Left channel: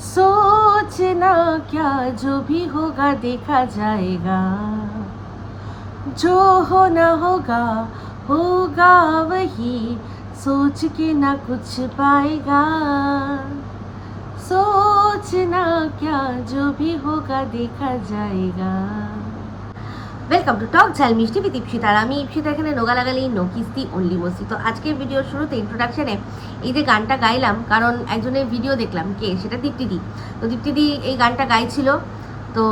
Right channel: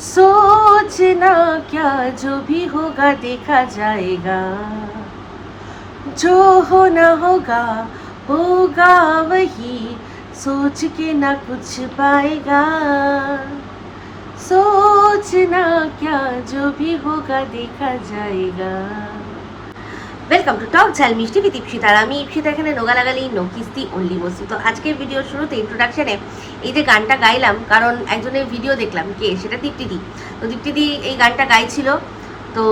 सोचना क्या जो भी होगा, देखा जाएगा। जो होना होगा होगा वही। सोच के ना कुछ पाएगा। सोचना क्या जो भी होगा, देखा जाएगा। ওয়েলকাম টু টক ঝাল মিষ্টি বিদীপ ইপসিতা আর আমি ইপসিতা এখানে নোগালাগালি নো কিস্তি অনলি বসি তো আজকের ভিডিওর শুরুতে ইন্ট্রোডাকশানে এই যে গানটা গাইলাম, কারণ একজনের ভিডিও দেখলাম, কে? সেটা দীপ্তিদি। তো দীপ্তিদি এই গানটা গাইছিল, তো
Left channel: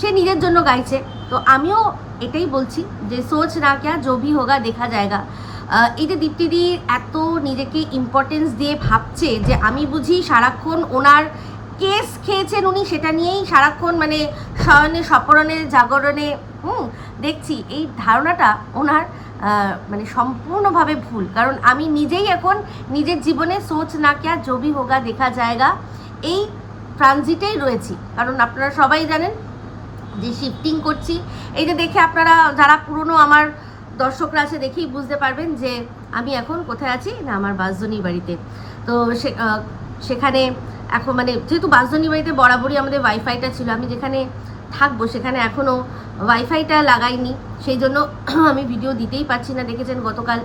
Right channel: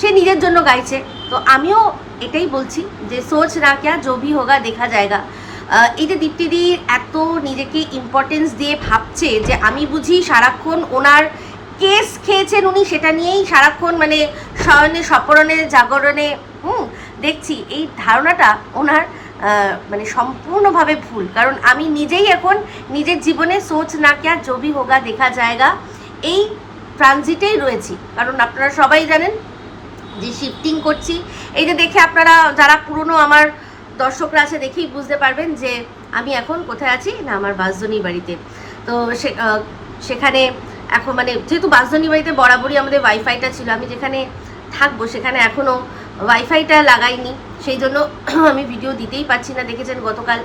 সে নিজের জন্য গাইছে। তো আমিও এটাই বলছি যে সোচ না ক্যা জো ভি হোগা, দেখা যায়গা। এই যে দীপ্তিদি এত নিজেকে ইম্পর্টেন্স দিয়ে ভাবছে যে আমি বুঝি সারাক্ষণ ওনার কেস খেয়েছেন উনি, সেটা নিয়েই সারাক্ষণ মানে শয়নে সপরণে জাগরণে হুম, দেখছি। এই ধারণাটা ওনার মানে সম্পূর্ণভাবে ভুল। কারণ আমি নিজেই এখন নিজের জীবনে সোচ না ক্যা জবি হোগা দেখা জায়গা এই ট্রানজিটেই রয়েছি। কারণ আপনারা সবাই জানেন যে শিফটিং করছি। এই যে দেখে আপনারা যারা পুরনো আমার দর্শকরা আছে দেখেই বুঝতে পারবেন যে আমি এখন কোথায় আছি? না, আমার বাসজনী বাড়িতে। তো সেখানে এখন মানে যেহেতু বাসজনী বাড়িতে বরাবরই আমাদের ওয়াইফাইটা ছিল, আমি যেখানে থাকব, সেখানে এখনও ওয়াইফাইটা লাগাইনি। সেই জন্য আমি ভিডিও দিতেই পারছি না। দেখেছেন, গতকাল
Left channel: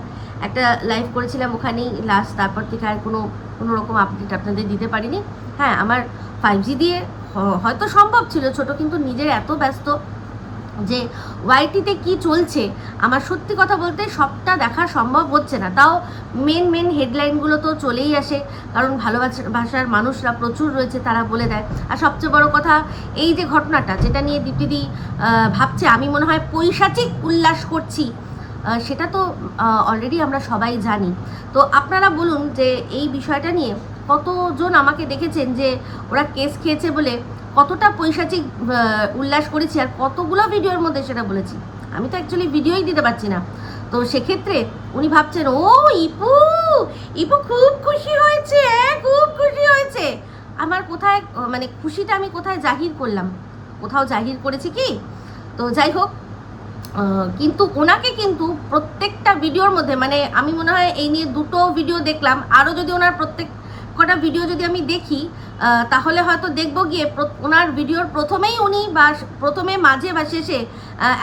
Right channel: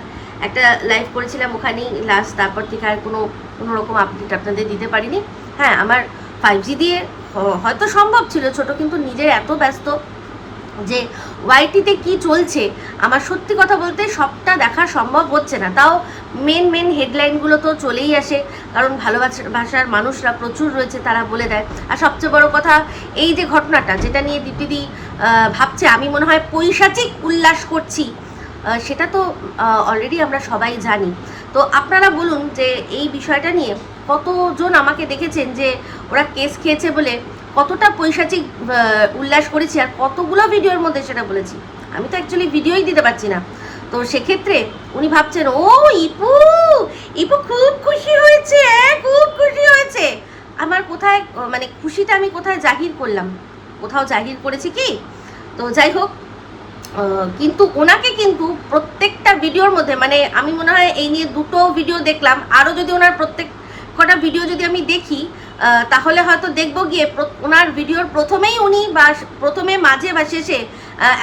একটা লাইভ করেছিলাম ওখানেই লাস্ট তারপর থেকে আর কোনো কোনোরকম আপডেট আপনাদের দিতে পারিনি। হ্যাঁ আমার ফাইভ জি দিয়ে হয়তো সম্ভব ছিল ছোট, কিন্তু নিজের এত ব্যস্ত যে ওয়াইটিতে কি চলছে, আমার সত্যি কথা বলতে সবটা দেখা সম্ভব হচ্ছে না। তাও মেন মেন হেডলাইনগুলো তো চলেই আসে, কারণ ভালোবাসা, ভাষার মানুষরা প্রচুর রয়েছে তারা বলে দেয়। আর সবচেয়ে বড় কথা, এই যে ঘটনাটা, যেটা নিয়ে দীপ্তিদি ভাবছে, আমি মনে হয় পৈশাচিক উল্লাস করছি সেটা তো অলরেডি আমরা সবাই জানি। তো আপনারা বলুন যে এই বিষয়টা নিয়ে কতজন আমাকে দেখেছেন যে ওরা কেস খেয়েছে বলে কতটা পৈশাচিক উল্লাস করেছি আর কতগুলো ভিডিওর মধ্যে সেটা বলেছি। আমি তো অ্যাকচুয়ালি ভিডিওই দিতে পারছি না। তো সেক্ষেত্রে উনি ভাবছেন, ও, ইপু ইপু খুব খুশি হয়েছে, খুব খুশি হয়েছে। আমার কোথায় মানে খুশিটা আমি কোথায় জাহির করলাম? কোথাও জাহির করেছি কি? তো যাই হোক কিন্তু ওনাকে কিন্তু প্রত্যেকটা ভিডিওর মধ্যে মানে আমি মনে হয় এই নিয়ে দুটো ভিডিও দেখলাম। আরও যদি ওনার প্রত্যেক কটা ভিডিও যদি আমি দেখি তাহলে হয়তো দেখব গিয়ে ওনার ভিডিওর প্রথমেই উনি বা প্রথমে মাঝে বা শেষে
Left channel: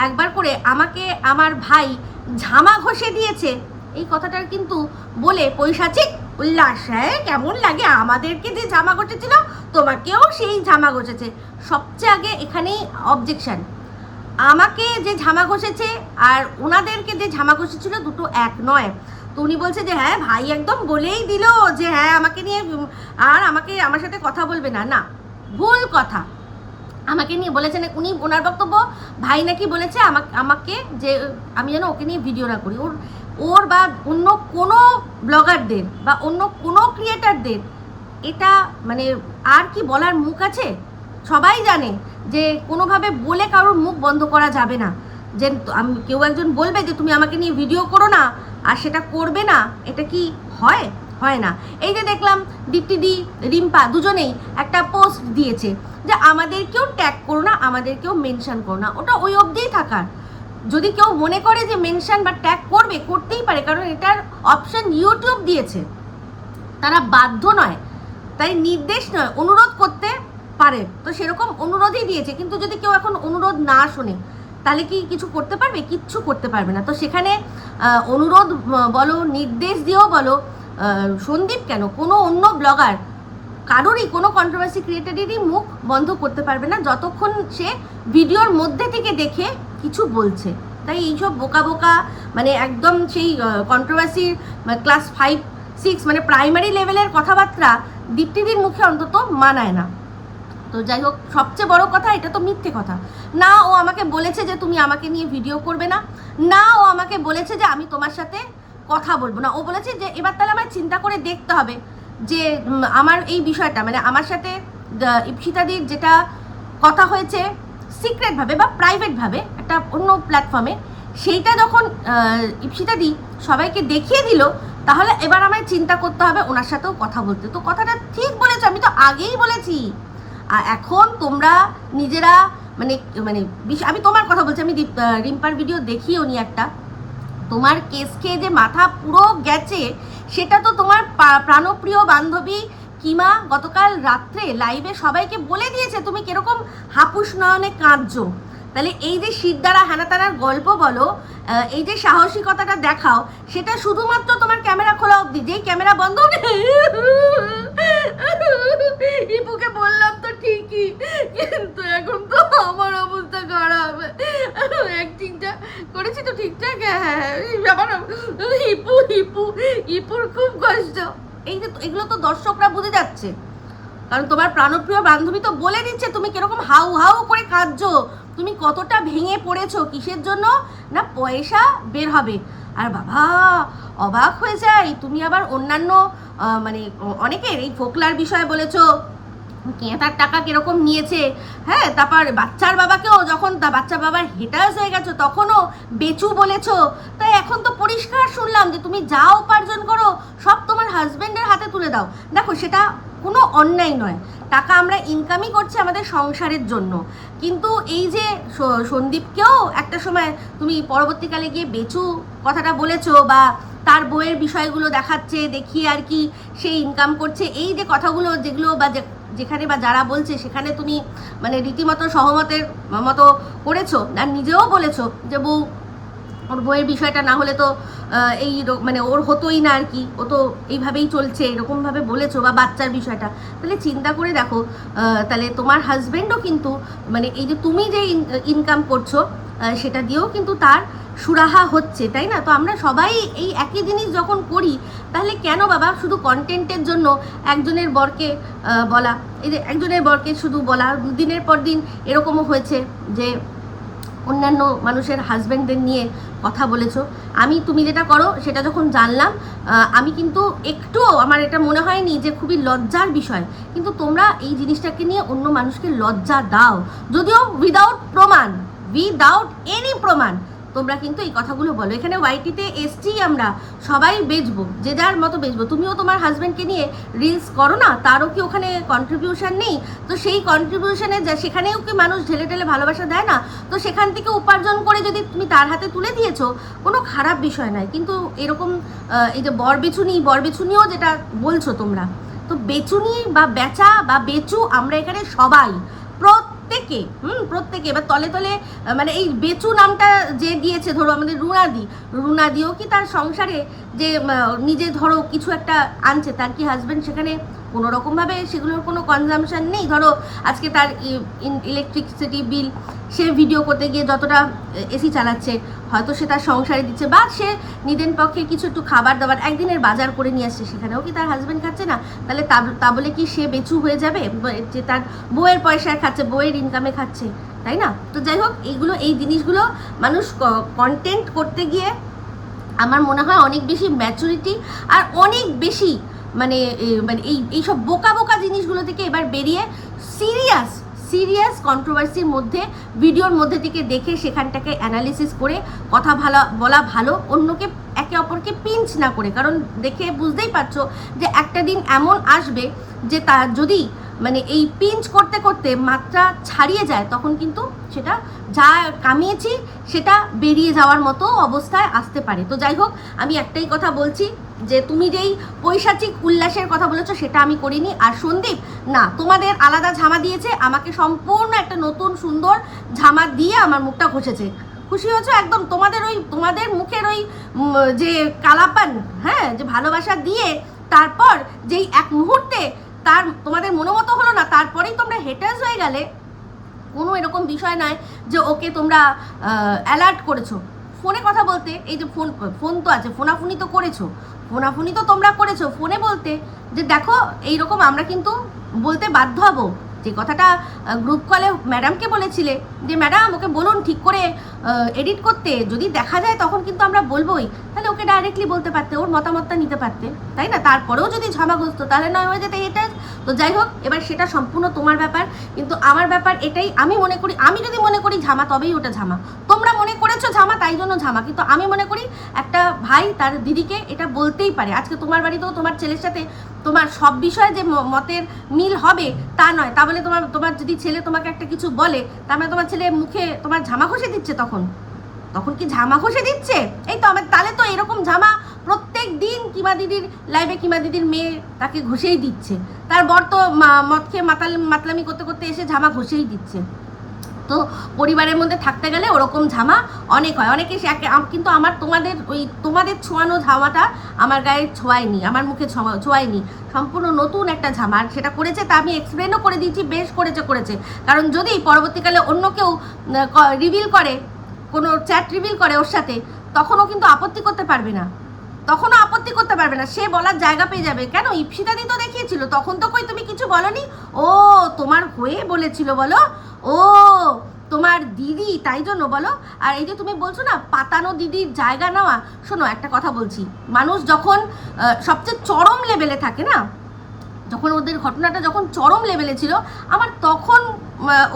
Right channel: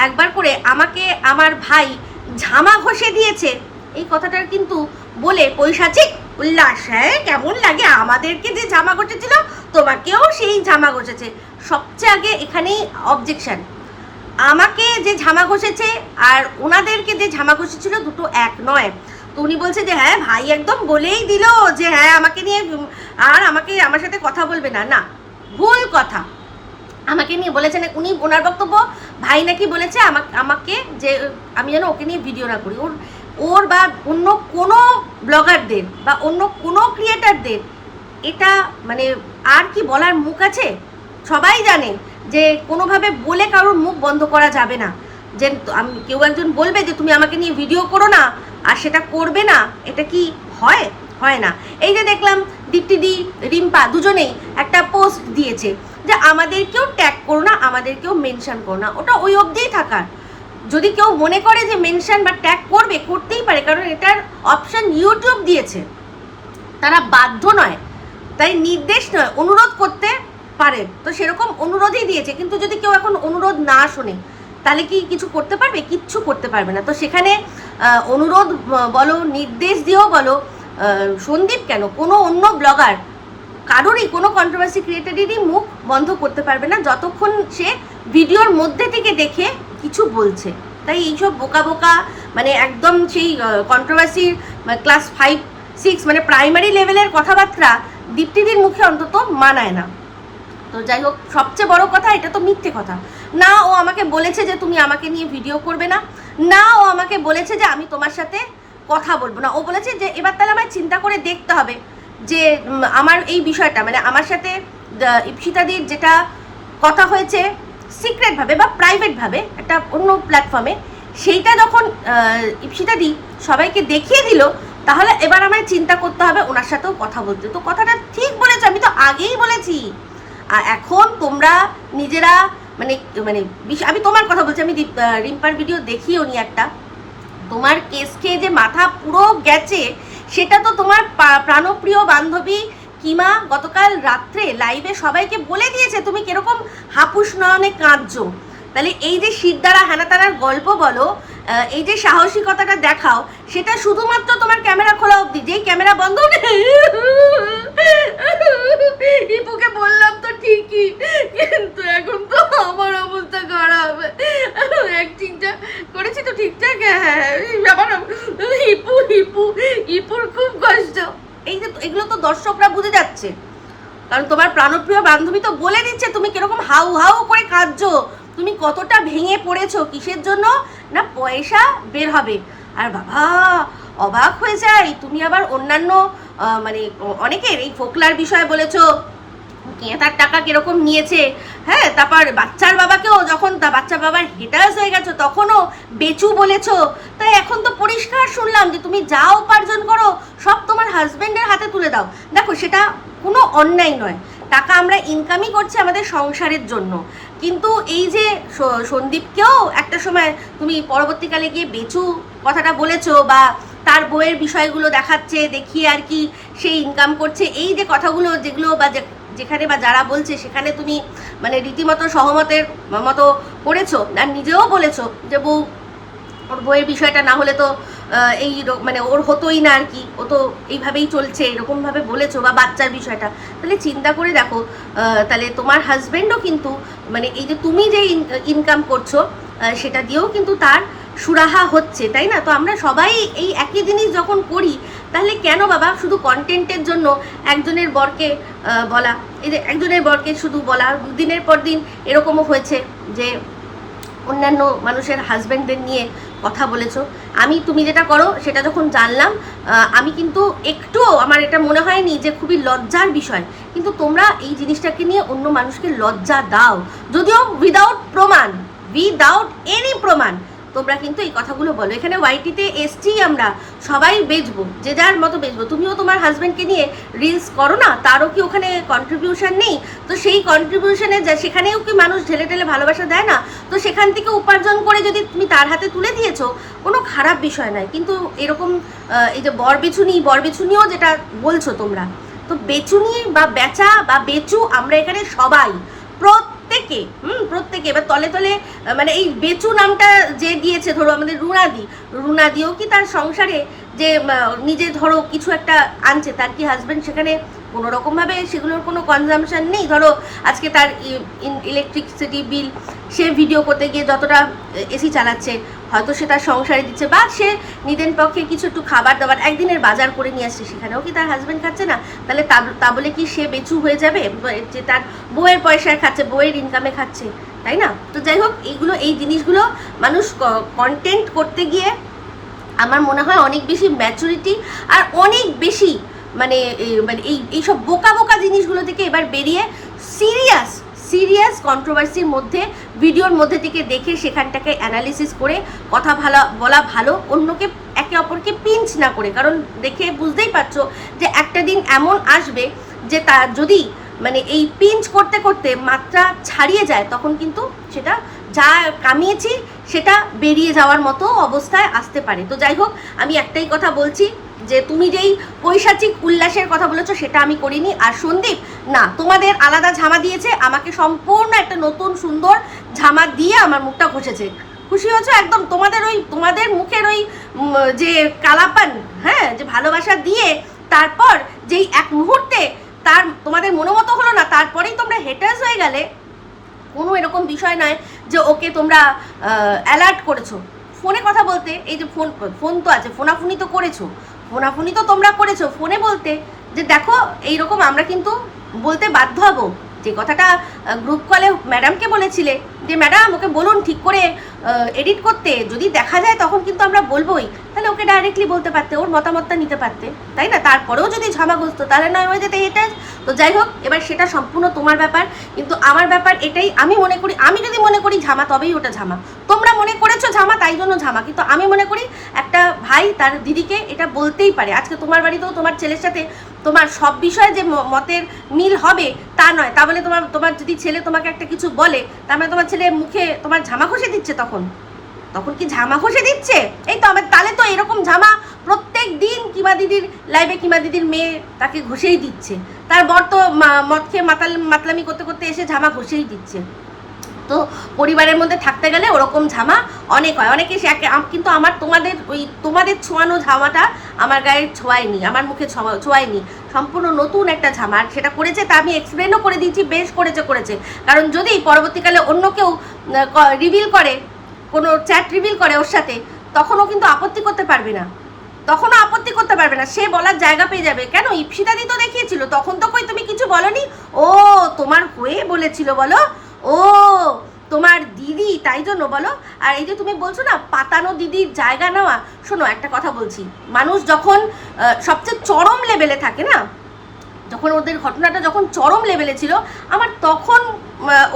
একবার করে আমাকে আমার ভাই ঝামা ঘষে দিয়েছে। এই কথাটার কিন্তু বলে পৈশাচিক উল্লাস হ্যাঁ? কেমন লাগে? আমাদেরকে যে জামা ঘষেছিল তোমাকেও সেই জামা ঘষেছে। সবচেয়ে আগে এখানেই অবজেকশন আমাকে যে ঝামা ঘষেছে আর ওনাদেরকে যে ঝামা ঘষেছিল দুটো এক নয়। তো উনি বলছে যে হ্যাঁ ভাই একদম বলেই দিল যে হ্যাঁ আমাকে নিয়ে আর আমাকে, আমার সাথে কথা বলবে না। না, ভুল কথা। আমাকে নিয়ে বলেছেন, উনি ওনার বক্তব্য, ভাই নাকি বলেছে আমাকে আমাকে যে, আমি যেন ওকে নিয়ে ভিডিও না করি। ওর ওর বা অন্য কোনো ব্লগারদের বা অন্য কোনো ক্রিয়েটারদের এটা মানে আর কি বলার মুখ আছে? সবাই জানে যে, কোনোভাবে বলে কারোর মুখ বন্ধ করা যাবে না। যে আমি কেউ একজন বলবে যে তুমি আমাকে নিয়ে ভিডিও করো না, আর সেটা করবে না, এটা কি হয়? হয় না। এই যে দেখলাম দীপ্তিদি রিম্পা দুজনেই একটা পোস্ট দিয়েছে যে আমাদেরকেও ট্যাগ করো না, আমাদেরকেও মেনশন করো না। ওটা ওই অবধিই থাকার। যদি কেউ মনে করে যে মেনশন বা ট্যাগ করবে, করতেই পারে, কারণ এটার অপশান ইউটিউব দিয়েছে। তারা বাধ্য নয়, তাই নির্দেশ নয়, অনুরোধ করতে পারে। তো সেরকম অনুরোধই দিয়েছে, কিন্তু যদি কেউ এখন অনুরোধ না শোনে তাহলে কি কিছু করতে পারবে? কিচ্ছু করতে পারবে না। তো সেখানে অনুরোধ বলো, নির্দেশ দিয়েও বলো সন্দীপ কেন? কোনো অন্য ব্লগার, কারোরই কোনো কন্ট্রোভার্সি ক্রিয়েটারেরই মুখ বন্ধ করতে পারবে না, যতক্ষণ সে ভিডিওর মধ্যে থেকে দেখে কিছু বলছে। তাই এইসব বোকা বোকা মানে একদম সেই কন্ট্রোভার্সির ক্লাস ফাইভ সিক্স মানে প্রাইমারি লেভেলের কথাবার্তা দীপ্তিদির মুখে অন্তত মানায় না। তো যাই হোক, সবচেয়ে বড় কথা, এটা তো মিথ্যে কথা। না, ও আমাকে বলেছে যে তুমি আমাকে নিয়ে ভিডিও করবে না। না, ও আমাকে বলেছে যে আমি তোমার সাথে কথা বলব না। ও বলেছে যে এবার তাহলে আমায় চিন্তা করে দেখতে হবে যে আমার এই বিষয়টা মানে আমার সাথে ইপসিতাদির যেটা কথা হয়েছে সিক্রেটভাবে বা প্রাইভেটভাবে একটা অন্য প্ল্যাটফর্মে সেইটা যখন ইপসিতাদি সবাইকে দেখিয়ে দিল, তাহলে এবার আমায় চিন্তা করতে হবে ওনার সাথেও কথা বলতে। তো কথাটা ঠিক বলেছ, আমি তো আগেই বলেছি। আর এখন তোমরা নিজেরা মানে মানে আমি তোমার কথা বলছি, আমি রিম্পার ভিডিও দেখিও নি একটা। তোমার কেস খেয়ে যে মাথা পুরো গেছে, সেটা তো তোমার প্রাণপ্রিয় বান্ধবী কিমা গতকাল রাত্রে লাইভে সবাইকে বলে দিয়েছে, তুমি কীরকম হাপুস নয়নে কাঁদছো। তাহলে এই যে শিরদারা হানাতারার গল্প বলো এই যে সাহসিকতাটা দেখাও, সেটা শুধুমাত্র তোমার ক্যামেরা খোলা অবধি, যেই ক্যামেরা বন্ধ ইপুকে বললাম তো ঠিকই, কিন্তু এখন তো আমার অবস্থা খারাপ। অ্যাক্টিংটা করেছি তো ঠিকঠাক হ্যাঁ আমার ইপু ইপু, ইপুর খুব কষ্ট। এই যে এগুলো তো দর্শকরা বুঝে যাচ্ছে। কারণ তোমার প্রাণপ্রিয় বান্ধবী তো বলে দিচ্ছে, তুমি কীরকম হাউ হাউ করে কাঁদছো। তুমি কতটা ভেঙে পড়েছো কিসের জন্য? না, পয়সা বের হবে। আর বাবা, অবাক হয়ে যায়। তুমি আবার অন্যান্য মানে অনেকের এই ফোকলার বিষয়ে বলেছ তার টাকা কীরকম নিয়েছে? হ্যাঁ তারপর বাচ্চার বাবাকেও যখন তা বাচ্চার বাবার হেটার্স হয়ে গেছো, তখনও বেচু বলেছ। তাই এখন তো পরিষ্কার শুনলাম যে তুমি যা উপার্জন করো, সব তোমার হাজবেন্ডের হাতে তুলে দাও। দেখো, সেটা কোনো অন্যায় নয়। টাকা আমরা ইনকামই করছি আমাদের সংসারের জন্য। কিন্তু এই যে সন্দীপকেও একটা সময় তুমি পরবর্তীকালে গিয়ে বেচু কথাটা বলেছ বা তার বইয়ের বিষয়গুলো দেখাচ্ছে, দেখিয়ে আর কি সে ইনকাম করছে। এই যে কথাগুলো যেগুলো বা যেখানে বা যারা বলছে সেখানে তুমি মানে রীতিমতো সহমতের মতো করেছ। আর নিজেও বলেছ যে বউ, ওর বইয়ের বিষয়টা না হলে তো এই মানে ওর হতোই না আর কি। ও তো এইভাবেই চলছে, এরকমভাবে বলেছ বা বাচ্চার বিষয়টা। তাহলে চিন্তা করে দেখো তাহলে তোমার হাজবেন্ডও কিন্তু মানে এই যে তুমি যে ইনকাম করছ সেটা দিয়েও কিন্তু তার সুরাহা হচ্ছে, তাই না? তো আমরা সবাই এই একই জিনিস যখন করি, তাহলে কেন বাবা শুধু কন্টেন্টের জন্য একজনের বরকে বলা? এই যে একজনের বরকে শুধু বলা, দিনের পর দিন এরকমও হয়েছে যে অন্যান্য মানুষের হাজব্যান্ডদের নিয়ে কথা বলেছ। আমি, তুমি যেটা করো, সেটা যখন জানলাম আমি কিন্তু একটু আমার এটা মনে হয়নি যে খুবই লজ্জার বিষয়। কিন্তু তোমরা এই জিনিসটাকে নিয়ে অন্য মানুষকে লজ্জা দাও। যদিও উইদাউট প্রমাণ উইদাউট এনি প্রমাণ তোমরা কিন্তু এই কথাগুলো বলো। এখানে ওয়াইটিতে এসছি আমরা সবাই বেচবো, যে যার মতো বেচবো। তুমিও তোমার হাজব্যান্ডকে নিয়ে রিলস করো না, তারও কি ওখানে কন্ট্রিবিউশন নেই? তো সেই কন্ট্রিবিউশনে যা, সেখানেও কি মানুষ ঢেলে ঢেলে ভালোবাসা দেয় না? তো সেখান থেকে উপার্জন করে যদি তুমি তার হাতে তুলে দিয়েছ, কোনো খারাপ বিষয় নয়। কিন্তু এরকম এই যে বর বেচুনি বর বেচুনিও যেটা বলছো তোমরা, তো বেচুনি বা বেচা বা বেচু আমরা এখানে সবাই। প্রত্যেকে, হুম, প্রত্যেকে। এবার তলে তলে মানে এই বেচু নামটা যে দিয়েছে, ধরো আমাদের রুনাদি, রুনাদিও কি তার সংসারে যে নিজে ধরো কিছু একটা আনছে, তার কি হাজবেন্ড সেখানে কোনো রকমভাবে সেগুলোর কোনো কনজামশন নেই। ধরো, আজকে তার ইলেকট্রিসিটি বিল সে ভিডিও করতে গিয়ে যতটা এসি চালাচ্ছে, হয়তো সে তার সংসারে দিচ্ছে বা সে নিদেন পক্ষে কিছু একটু খাবার দাবার একদিনের বাজার করে নিয়ে আসছে, সেখানেও কি তার হাজব্যান্ড খাচ্ছে না? তাহলে তা- বলে কি সে বেচু হয়ে যাবে? যে তার বউয়ের পয়সায় খাচ্ছে, বউয়ের ইনকামে খাচ্ছে, তাই না? তো যাই হোক, এইগুলো, এই জিনিসগুলো মানুষ কন্টেন্ট করতে গিয়ে আমার মনে হয় অনেক বেশি ম্যাচুরিটি আর অনেক বেশি মানে মানে এই এইসব বোকা বোকা জিনিসগুলো থেকে এবার বেরিয়ে সিরিয়াস সিরিয়াস কন্ট্রোভার্সির মধ্যে ভিডিওর মধ্যে থেকে দেখে সেখানটাকে অ্যানালিসিস করে কথা ভালো, বলা ভালো, অন্যকে একে অপরকে পিঞ্চ না করে। কারণ দেখে বুঝতেই পারছ যে একটা দিন এমন আসবে যে তার যদি মানে এই পিঞ্চ করতে করতে মাত্রা ছাড়িয়ে যায়, তখন কিন্তু সেটা যা কামিয়েছি সেটা বেরিয়ে যাওয়ার মতো অবস্থায় আসতে পারে। তো যাই হোক, আমি একটাই কথা বলছি যে তুমি যেই পৈশাচিক উল্লাসের কথা বলেছ সেটা আমি করিনি। আর সন্দীপ, না, তোমাদের আলাদা ঝামা দিয়েছে, আমাকে সম্পূর্ণ একটা নতুন সুন্দর ঝামা দিয়ে আমার মুখটা ঘষেছে। খুশি হয়েছো? একদম তোমাদের ওই, তোমাদের মুখের ওই যে কালাপান হ্যাঁ যে ভালোবাসা দিয়ে তারপর যেই এক মুহূর্তে তার, তোমাদের মনোমতো হলো না, তারপরেই তোমরা হেটার্স হয়ে গেলে, কোনো এরকম বিষয় নয় যে ওকে তোমরা অ্যালার্ট করেছ। ফোনে কথা বলতে, এই যে ফোন ফোন তো আছে, ফোনাফুনি তো করেছ। ফোনাফুনি তো তোমরা করেছ, ফোনে বলতে যে দেখো, এইরকম আমরা কিন্তু বলতে বাধ্য হব। যে কথাটা গ্রুপ কলে ম্যাডামকে বলেছিলে যে ম্যাডাম ওকে বলুন ঠিক করে এডিট করতে। যদি দেখা যায় তখন কিন্তু আমরা বলবোই। তাহলে ওকে ডাইরেক্টলি বলতে পারতে, ওর মতামতটা নিতে পারতে। তাই না? তারপরেও যদি ঝামাগ্রস্ত, তাহলে নয় হয়ে যেতে এটা তো যাই হোক, এবার সেটা সম্পূর্ণ তোমার ব্যাপার। কিন্তু আমার ব্যাপার এটাই, আমি মনে করি, আমি যদি মনে করি ঝামা, তবেই ওটা ঝামা। তোমরা মনে করেছ ঝামা, তাই জন্য ঝামা। কিন্তু আমি মনে করি একটা ভাই তার দিদিকে এটা বলতেই পারে। আজকে তোমার বাড়িতেও তোমার ছেলের সাথে তোমার সব বিষয়ে যে মতের মিল হবে, তা নয়। তা বলে তোমার তোমার যদি ছেলে তোমাকে একটা কিছু বলে, তার মানে তোমার ছেলে মুখে তোমার ঝামা ঘষে দিচ্ছে তখন? তখন কি ঝামা ঘষে দিচ্ছে? এই তো আমার, তাহলে তো এরকম ঝামা প্রত্যেক দিন কিমা দিদির লাইভে কিমা দিদির মেয়ে তাকে ঘষেই দিচ্ছে। তার বর তো মদ খেয়ে মাতাল, মাতলামি করতে করতে এসে ঝামা ঘষেই দিচ্ছে। তো পরিবারের মধ্যে থাকতে গেলে ওরকম ঝামা অনেক হয়। অনেকে কিন্তু আমার তোমাদের ওই তোমাদের ছোঁয়ানো ঝামাটা আমার গায়ে ছোঁয়ায়নি, আমার মুখে ছোঁয়া- ছোঁয়ায়নি। সম্পূর্ণ নতুন একটা ঝামা। আর সেটা করেছে তা আমি এক্সপ্লেনও করে দিয়েছি, বেশ করেছে করেছে। কারণ যদি পরবর্তীকালে অন্য কেউ রিভিল করে, কোনো চ্যাট রিভিল করে ওর সাথে, তখনও কিন্তু আপত্তি করতে পারবে না। তখনও আপত্তি করতে পারবে না। সে বলার জায়গা পেয়ে যাবে। কেন? ইপসিতাদি তো দেখিয়েছিল। তখন তো কই তুমি কিছু বলনি? ও, তোমার হয়ে বলেছিল বলো? ও, তোমার দিদি, তাই জন্য বলো? আর এই যে তুমি বলছো না, পাতানো দিদির জায়গা নেওয়া, শোনো, একটা কথা বলছি। মানুষ যখন সবচেয়ে চরম লেভেলে থাকে না, যখন ওদের ঘটনাটা যখন চরম লেভেলে ছিল, আমার তখন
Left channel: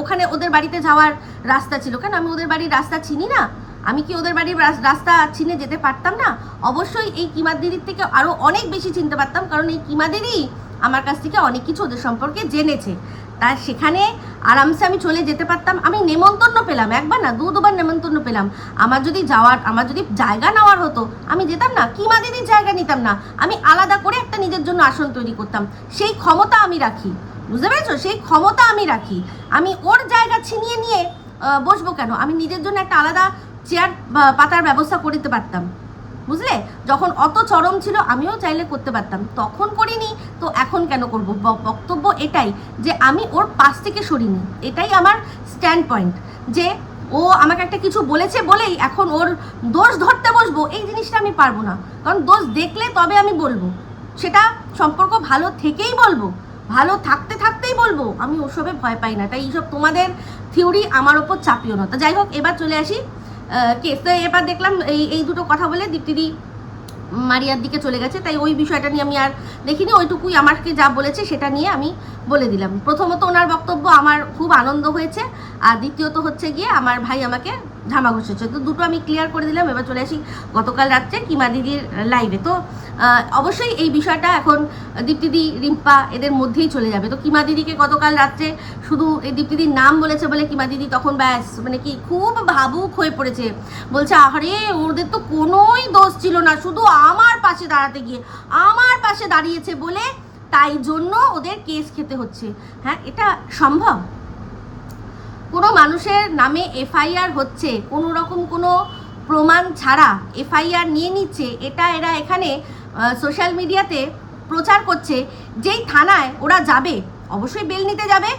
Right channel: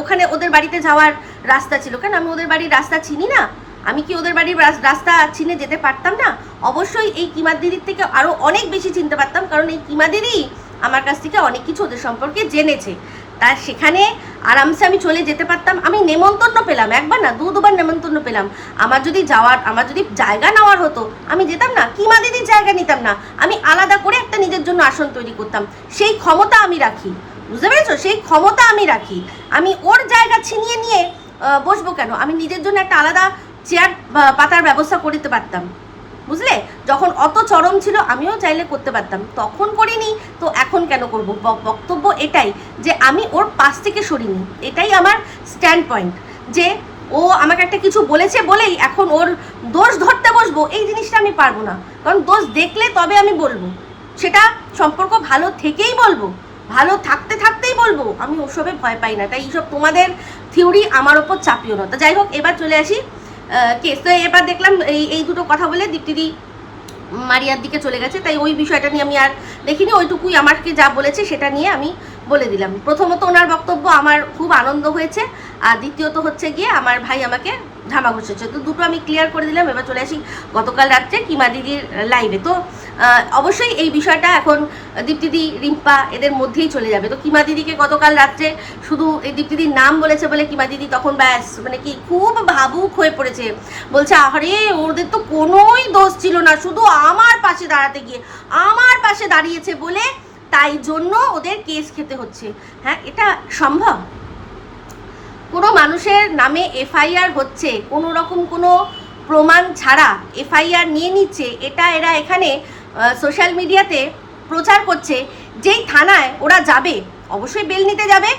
ওখানে ওদের বাড়িতে যাওয়ার রাস্তা ছিল। কেন, আমি ওদের বাড়ির রাস্তা চিনি না? আমি কি ওদের বাড়ির রাস্তা চিনে যেতে পারতাম না? অবশ্যই এই কিমার দিদির থেকে আরও অনেক বেশি চিনতে পারতাম, কারণ এই কিমা দিদি আমার কাছ থেকে অনেক কিছু ওদের সম্পর্কে জেনেছে। তার সেখানে আরামসে আমি চলে যেতে পারতাম। আমি নেমন্তন্ন পেলাম, একবার না, দু দুবার নেমন্তন্ন পেলাম। আমার যদি যাওয়ার, আমার যদি জায়গা নেওয়ার হতো, আমি যেতাম না, কিমা দিদির জায়গা নিতাম না। আমি আলাদা করে একটা নিজের জন্য আসন তৈরি করতাম। সেই ক্ষমতা আমি রাখি। বুঝতে পেরেছ? সেই ক্ষমতা আমি রাখি। আমি ওর জায়গা ছিনিয়ে নিয়ে বসবো কেন? আমি নিজের জন্য একটা আলাদা চেয়ার পাতার ব্যবস্থা করে দিতে পারতাম। বুঝলে? যখন অত চরম ছিল, আমিও চাইলে করতে পারতাম। তখন করিনি, তো এখন কেন করব? বক্তব্য এটাই যে আমি ওর পাশ থেকে সরিনি। এটাই আমার স্ট্যান্ড পয়েন্ট যে ও আমাকে একটা কিছু বলেছে বলেই এখন ওর দোষ ধরতে বসবো, এই জিনিসটা আমি পারব না। কারণ দোষ দেখলে তবে আমি বলব। সেটা সম্পর্ক ভালো থেকেই বলব। ভালো থাকতে থাকতেই বলব। আমি ওসবে ভয় পাই না। তাই এইসব তোমাদের থিওরি আমার ওপর চাপিও না। তো যাই হোক, এবার চলে আসি কেস তো এবার দেখলাম এই এই দুটো কথা বলে দীপ্তিদি মারিয়ার দিকে চলে গেছে, তাই ওই বিষয়টা নিয়ে আমি আর দেখিনি, ওইটুকুই আমাকে যা বলেছে সেটা নিয়ে আমি বলে দিলাম। প্রথমত ওনার বক্তব্য আমার খুব আনন্দ হয়েছে, আর দ্বিতীয়ত হচ্ছে গিয়ে আমার ভাই আমাকে ধামা ঘষেছে তো দুটো আমি ক্লিয়ার করে দিলাম, এবার চলে আসি গতকাল রাত্রে কিমা দিদির লাইভে তো অবশ্যই এই বিষয়টা এখন দীপ্তিদি, রিম্পা এদের মধ্যেই চলে যাবে। তো কিমা দিদিকে গতকাল রাত্রে শুধু এই দীপ্তিদির নাম বলেছে বলে কিমা দিদি তখন ব্যাস মানে কি খুব ভাবুক হয়ে পড়েছে। বলছে আরে ওদের তো কোনোই দোষ ছিল না, শুধু আমার পাশে দাঁড়াতে গিয়ে, আমার পাশে দাঁড়িয়েছে বলে তাই জন্য ওদের কেস খেতে হচ্ছে। হ্যাঁ এটা সম্ভব? কোনো মানুষের নামে এফআইআর হচ্ছে, কোনো রকম কোনো প্রমাণ ছাড়া এফআইআর নিয়ে নিচ্ছে, এটা এরা এখানে সোশ্যাল মিডিয়াতে প্রচার করছে, যেই থানায় ওরা যাবে, অবশ্যই বেল নিতে যাবে।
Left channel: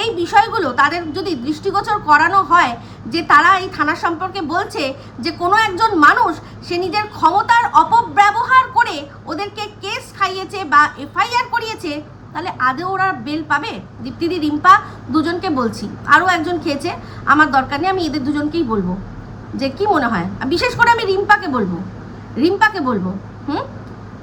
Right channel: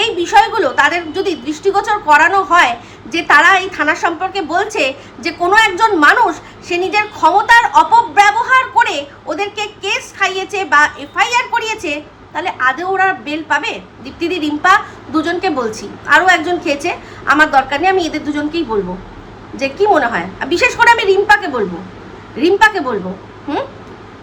এই বিষয়গুলো তাদের যদি দৃষ্টিগোচর করানো হয়, যে তারা এই থানা সম্পর্কে বলছে যে কোনো একজন মানুষ, সে নিজের ক্ষমতার অপব্যবহার করে ওদেরকে কেস খাইয়েছে বা এফআইআর করিয়েছে তাহলে আদৌ ওরা বেল পাবে? দীপ্তিদি, রিম্পা দুজনকে বলছি। আরও একজন খেয়েছে, আমার দরকার নেই, আমি এদের দুজনকেই বলব। যে কি মনে হয়? বিশেষ করে আমি রিম্পাকে বলব। রিম্পাকে বলব, হুম?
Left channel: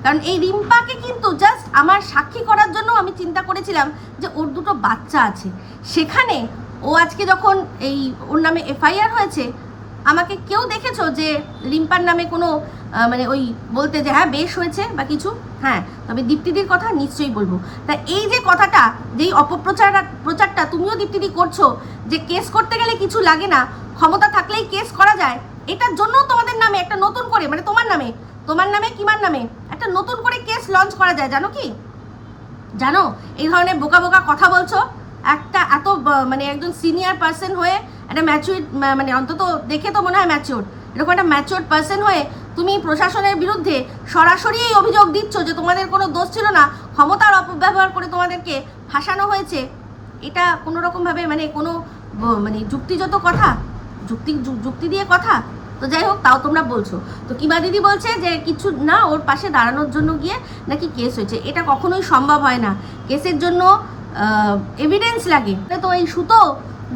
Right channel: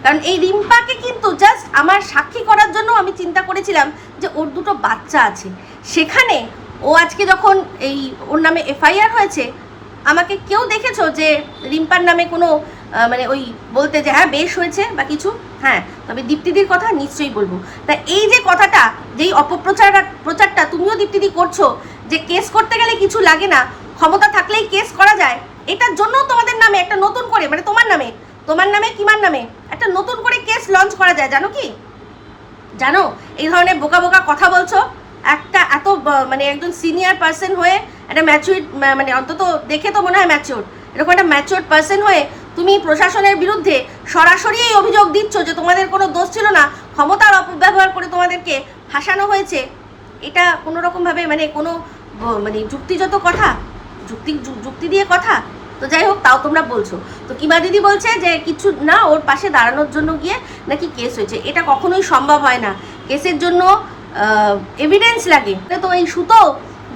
কারণ এই রিম্পাকে কিন্তু জাস্ট আমার সাক্ষী করার জন্য আমি চিন্তা করেছিলাম যে ওর দুটো বাচ্চা আছে। সেখানে ও আজকে যখন এই ওর নামে এফআইআর হয়েছে, আমাকে কেউ দেখেছ যে রিম্পার নামে কোনো মানে ওই বলতে যে হ্যাঁ বেশ হয়েছে বা কিছু হ্যাঁ তবে দীপ্তিদির কথা নিশ্চয়ই বলব। তা এই যে কথাটা, যেই অপপ্রচার, প্রচারটা তুমিও দীপ্তিদি করছ, যে কেস করতে গেলে কিছু লাগে না, ক্ষমতা থাকলেই কেস করা যায়, এটার জন্য তোমাদের নামে একটা নতুন করে মানে তোমার নামে তোমার নামে কিমার নামে, একটা নতুন করে কেস লঞ্চ করা যায়, জানো কি? জানো, এই ধরনের বোকা বোকা কথা বলছো, একটা এত মানে একজন সিনিয়র পার্সন হয়ে, একটা ম্যাচিউর মানে অন্তত দেখে তো মনে হয় ম্যাচিওর এরকম একটা ম্যাচিওর পার্সন হয়ে তুমি প্রশাসনের বিরুদ্ধে সরাসরি এই অভিযোগ দিচ্ছ যে তোমাদের কোনো দোষ ছিল না, ক্ষমতার অপব্যবহার করে তোমাদেরকে ফাঁসানো হয়েছে। এটা কোনো রকমভাবে মানে কোনো মানে যুক্তিযত কথা? যুক্তি যুক্তি দিয়ে কথা? তো যাই হোক, তাও তোমরা বলছো। তো কিমা দিদি বলছে যে কিছু না, ওর পাশে দাঁড়ানোর জন্য গিয়ে নাকি কেস হয়েছে। এটা কখনোই সম্ভব হয় না। কেসের জন্য এভিডেন্স লাগে। তো এই সুতো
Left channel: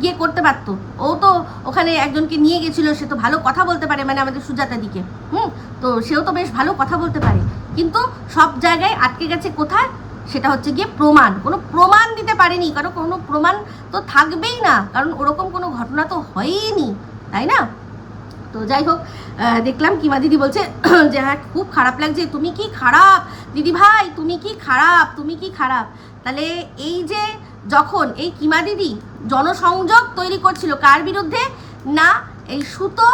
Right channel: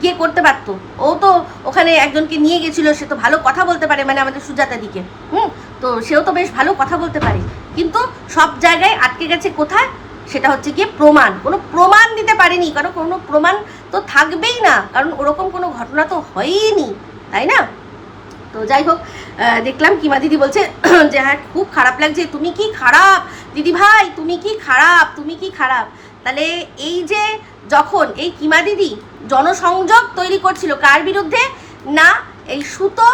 গিয়ে করতে পারতো। ও তো ওখানে একজনকে নিয়ে গেছিল, সে তো ভালো কথা বলতে পারে মানে আমাদের সুজাতা দিকে। হুম? তো সেও তো বেশ ভালো কথা বলতে পারে। কিন্তু সব জায়গায় আটকে গেছে কোথায়? সেটা হচ্ছে গিয়ে প্রমাণ। কোনো প্রমাণ দিতে পারেনি, কারণ কোনো প্রমাণ তো থাকবেই না। কারণ ওরকম কোনো ঘটনা তো হয়ইনি, তাই না? তো যাই হোক দেখলাম কিমা দিদি বলছে, যে হ্যাঁ খুব খারাপ লাগছে। তুমি কি খারাপ? দিদি ভাই, তুমি কি খারাপ? তুমি কি খারাপ? তাহলে এই যে যখন এই কিমা দিদি জনসংযোগ তৈরি করছিল কার বিরুদ্ধে? না, এই সুতো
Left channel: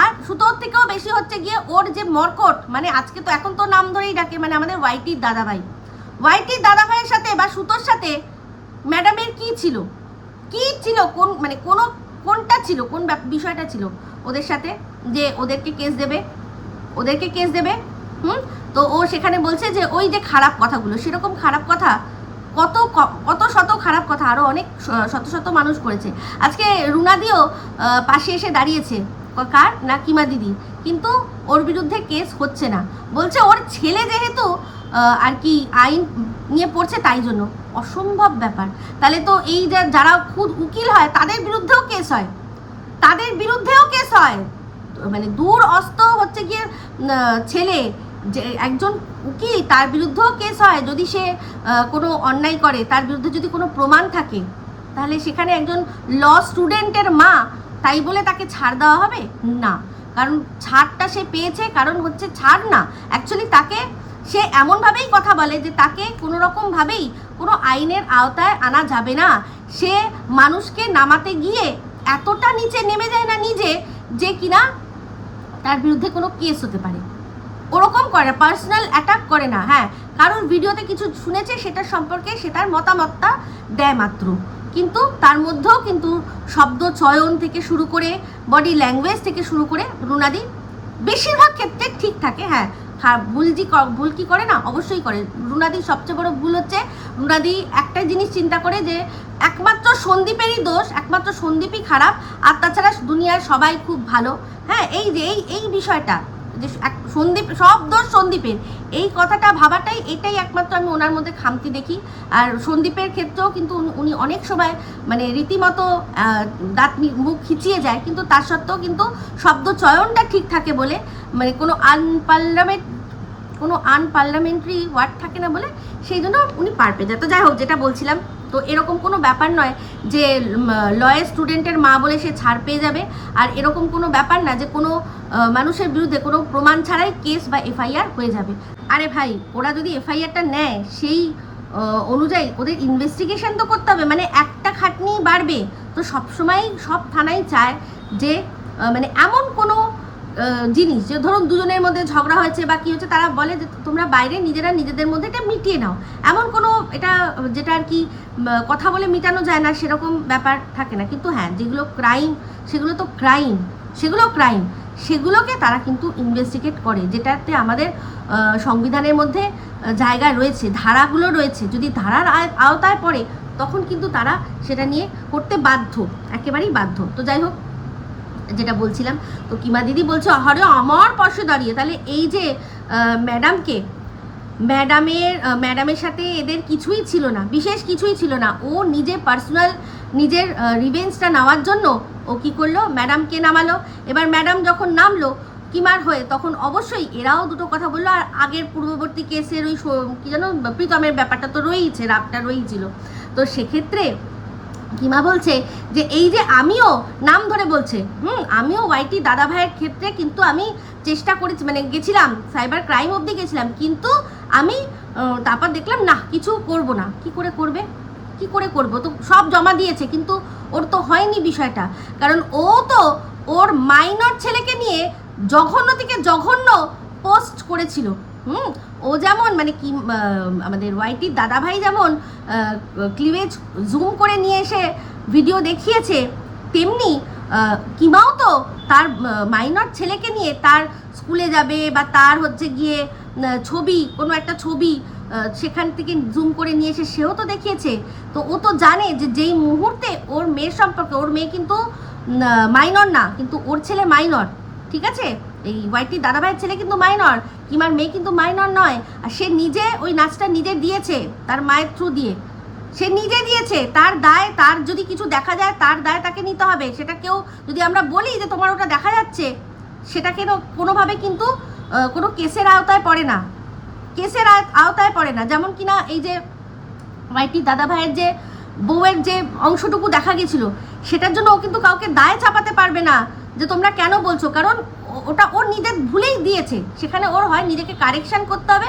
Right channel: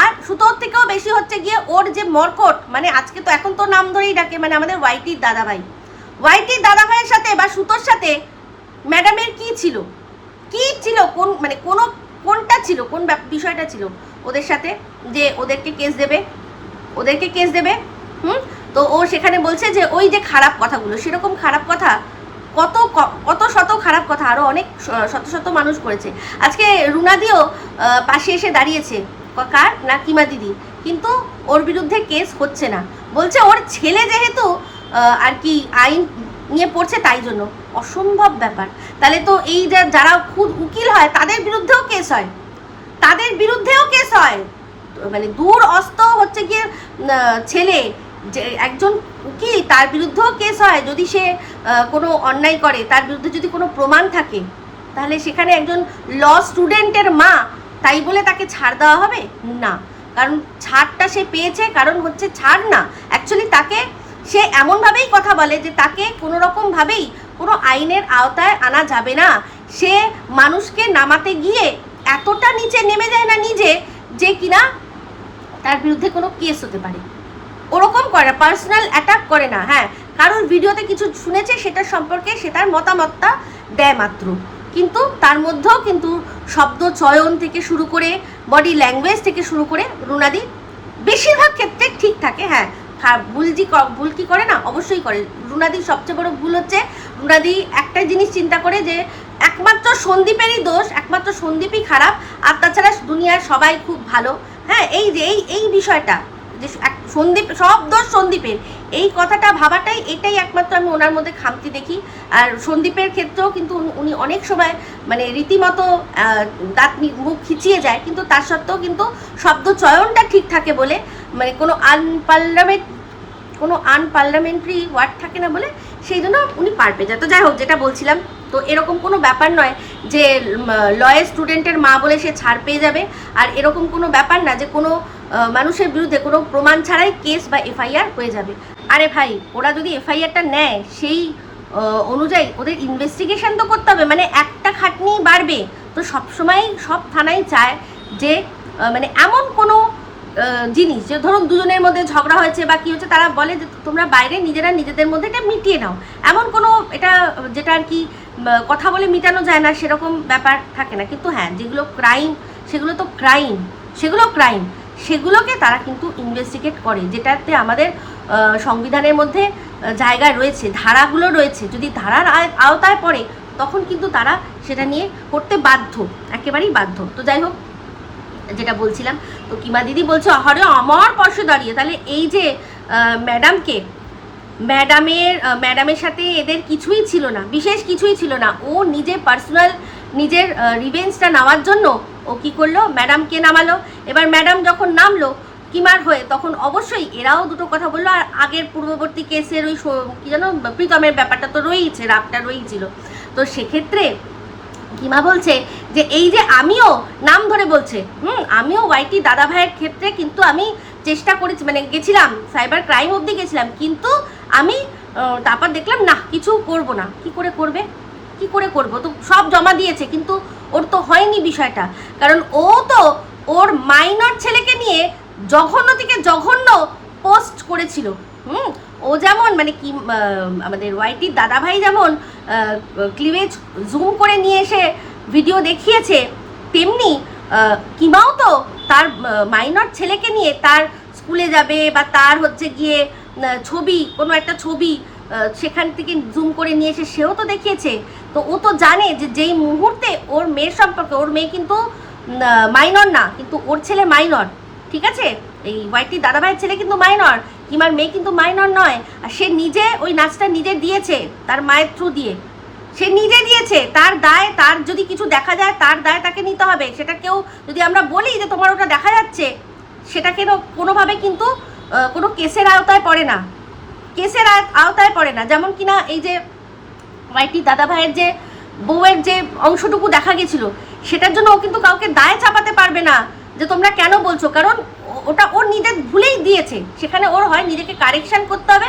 আর সুতোর থেকেও বেশি হচ্ছে গিয়ে ওর যে মরকট মানে আজকে তো এখন তো নাম ধরেই ডাকে মানে আমাদের ওয়াইটির দাদাভাই। ওয়াইটির দাদাভাইয়ের সাথে বা সুতোর সাথে ম্যাডামের কি ছিল? কি ছিল? কোন মানে কোনো, কোনটা ছিল? কোন বিষয়টা ছিল? ওদের সাথে যে ওদেরকে কেস দেবে, ওদেরকে কেস দেবে, হুম? তো ও সেখানে বলছে যে ওই যে খারাপ কথাগুলো, সেরকম খারাপ কথা কত কত শত খারাপ কথা, আরও অনেক শত শত মানুষ করেছে। আজকে রুনাদিও পাশে এসে দাঁড়িয়েছে। কার? না, কিমা দিদি। কিন্তু ওর বিরুদ্ধে কেস হচ্ছে না। বলছে ওর ছেলে যেহেতু আর কি আইন নিয়ে পড়ছে তাই জন্য। অসম্ভব ব্যাপার। তাহলে তো এই যারা খুব উকিল হয়, তাদের বিরুদ্ধেও কেস হয়। তাদের বিরুদ্ধেও কেস হয়। মানে দূর অস্ত হচ্ছে গিয়ে ছেলে। যে একজন উকিল, তার বিরুদ্ধেও কেস হয়। যদি সে কোনো অন্যায় করে, তার বিরুদ্ধে যদি কোনো প্রমাণ থাকে, তাহলে সেখানে একজন ল স্টুডেন্টের মা, তাই বলে তাকে ছাড় দেওয়া হবে? না। কারণ ছাড়টা সে পেয়েছে, কারণ হচ্ছে ছাড় না। অ্যাকচুয়ালি তাকে, সে এমনভাবেই কথা বলে যে তাকে কোনো রকমভাবেই কোনো আইনের আওতায় আনা যাবে না। সে মানুষকে নামাতে গিয়ে এতটা নিচে নেমে যায় না নিজে, যে কিনা তার বিরুদ্ধে কোনো কেস হতে পারে। ওরকম করে না পার্সোনাল অ্যাটাক করে না হ্যাঁ। কারোর ভিডিওতে কিছু শুনেছে, সেটার সম্পর্কে সে তার মতামতটা দেয় মাত্র। কিন্তু তার মধ্যেও কিন্তু শব্দ চয়ন থেকে শুরু করে বডি ল্যাঙ্গুয়েজ থেকে শুরু করে রুনাদি বেশিরভাগ ক্ষেত্রে ঠিক থাকে হ্যাঁ। খা- ভুল ক- ভুল কি করে না? অবশ্যই করে। রুনাদির সবচেয়ে বড় ভুল হচ্ছে, রুনাদি একটা জিনিস চিন্তা করে যে একমাত্র সন্দীপেরই দোষ, একমাত্র সন্দীপই খারাপ, আর তাছাড়া দুনিয়ার সবাই খুব ভালো। হ্যাঁ এই যে, এই এই বিষয়টা। যে সন্দীপ, সব দোষ সন্দীপের। এই কথাটা ভাবাটাই, এটাই একমাত্র আমি ওনার মধ্যে খামতি দেখি। আর সন্দীপের ক্ষেত্রেও কিন্তু উনি- অনেক সময় মানে রীতিমতো দাঁত মুখ খিচিয়ে যায়, কিন্তু তার সত্ত্বেও কিন্তু শব্দ চয়নটা ঠিক থাকে বলে মানে কোনো আনপার্লামেন্ট কোনো আনপার্লামেন্টারি ওয়ার্ড থাকে না বলে, সেই জন্য উনি পার পেয়ে যায়। তো যাই হোক, যেটা বলছিলাম, তো এরকম কোনো ব্যাপার নয় যে লয়ের স্টুডেন্টের মা বলে সে ছাড় পেয়ে যাবে। আর এরকম কোনো ব্যাপার না যে, কোনো মানুষের বিরুদ্ধে কোনো প্রমাণ ছাড়াই কেস বা এফআইআর হয়ে যাবে। আরে ভাই, ওরা যদি এফআইআরটা নেয়, সেই অনুযায়ী ওদের ইনভেস্টিগেশন তো করতে হবে। মানে একটা খাটনি বাড়বে। তো সবসময় সব থানাই চায় যে মানে এমন কোনো জিনিস, যে ধরুন দুজনের মধ্যে ঝগড়া হয়েছে বা কি হচ্ছে তারা বলে যে তোমরা বাইরে নিজেরা নিজেদের মধ্যে এটা মিটিয়ে নাও। এমন কোনো এটা যেটা আর কি কথা বলে মিটানো যায় না, সেরকম ব্যাপার থাকে না। কিন্তু হ্যাঁ যেগুলো ক্রাইম সেগুলো তো ক্রাইম সেগুলো ক্রাইম সেগুলোকে তারা কিন্তু ইনভেস্টিগেট করে, যেটাতে আমাদের সংবিধানের মধ্যে জায়গা রয়েছে, ধারাগুলো রয়েছে। যদি ধারার আওতায় পড়ে, তখন কিন্তু তারা সেটা নিয়ে করতে বাধ্য, একেবারেই বাধ্য। তো যাই হোক যেটা বলছিলাম। তো কিমা দিদি বলছে আরে আমার পাশে দাঁড়িয়ে। তাহলে এই যে ম্যাডামকে, ম্যাডামের ম্যাডামের সাথে এদের কিছুই ছিল না, বিশেষ কিছুই ছিল না। ও নিজে পার্সোনাল, নিজের রিভেঞ্জটা নেওয়ার জন্য ও কি করল? ম্যাডামকে নামালো। এবার ম্যাডাম যখন নামলো কিমার হয়ে, তখন অবশ্যই এরাও দুটো কথা বলল। আর আগের পূর্ববর্তী কেসের ওই কি যেন, প্রীতমের ব্যাপারটা তো রয়েইছে, রাগটা রয়েইছিল তো সেক্ষেত্রে কিমা বলছে যে, এই যে আমিও, নাম ধরে বলছে। হুম, আমিও ওয়াইটি দাদা ভাইয়ের ক্ষেত্রে কিন্তু আমি চেষ্টা করেছি মানে গেছিলাম সাইবার ক্রাইম অবধি গেছিলাম, কিন্তু আমি তারপর দেখলাম না কিছু করব না। কি করে করবে? কি করে করব? তো সব জমা দিয়েছে, কিন্তু ওর তো হয়নি বিষয়টা। কারণ ও তো ওর মাইনর ছেলেকে নিয়ে জঘন্য থেকে জঘন্য পোস্ট করেছিল। হুম ও যেমন মানে কি আমাদের ওয়াইটির দাদাভাই যেমন ক্লিভেজ জুম করে নিয়ে এসে ভিডিও দেখিয়েছে, তেমনি কিমাও তো তার মাইনর ছেলেকে নিয়ে তার স্কুলে যাবে বা তার হচ্ছে গিয়ে ছবি, কোনো একটা ছবি সেখান থেকে জুম করে নিয়ে এসে সেও তো দেখিয়েছে। তো ও তো জানে যে যেই মুহূর্তে ওর মেয়ের সম্পর্কে, ওর মেয়ে কিন্তু মাইনর না, কিন্তু ওর ছেলে মাইনর ঠিক আছে? এই ওয়াইটি দাদাভাইয়ের ছেলে কিন্তু মাইনর কিমার মেয়ে কিন্তু মাইনর নয়। আর সে নিজে ওই নাচটা নিজে দিয়েছে, তার মায়ের থ্রু দিয়ে। সে নিজে দিয়েছে, তার দায়, তার যদি কিছু দেখা যায়, তার দায় তাকে নিতে হবে। সেটা কেউ যদি আমরা বলি যে তোমার ওটা দেখা যাচ্ছে, সেটা কেন কোনোভাবে কিন্তু কোনো কেসের আওতায় পড়ে না। কেসের আওতায় পড়ে না। যেমন কিনা এই যে ওয়াইটি দাদা ভাইয়ের যে বউয়ের যে অংশটুকু দেখা গেছিল, সেটার জন্য ও কিন্তু কাউকে দায় চাপাতে পারবে না, যে তোমরা কেন বলছো? কারণ ওটা ওর নিজের ভুলেই দিয়েছে। সেখানে ওর হয় নিজেকে কারেকশন করতে হবে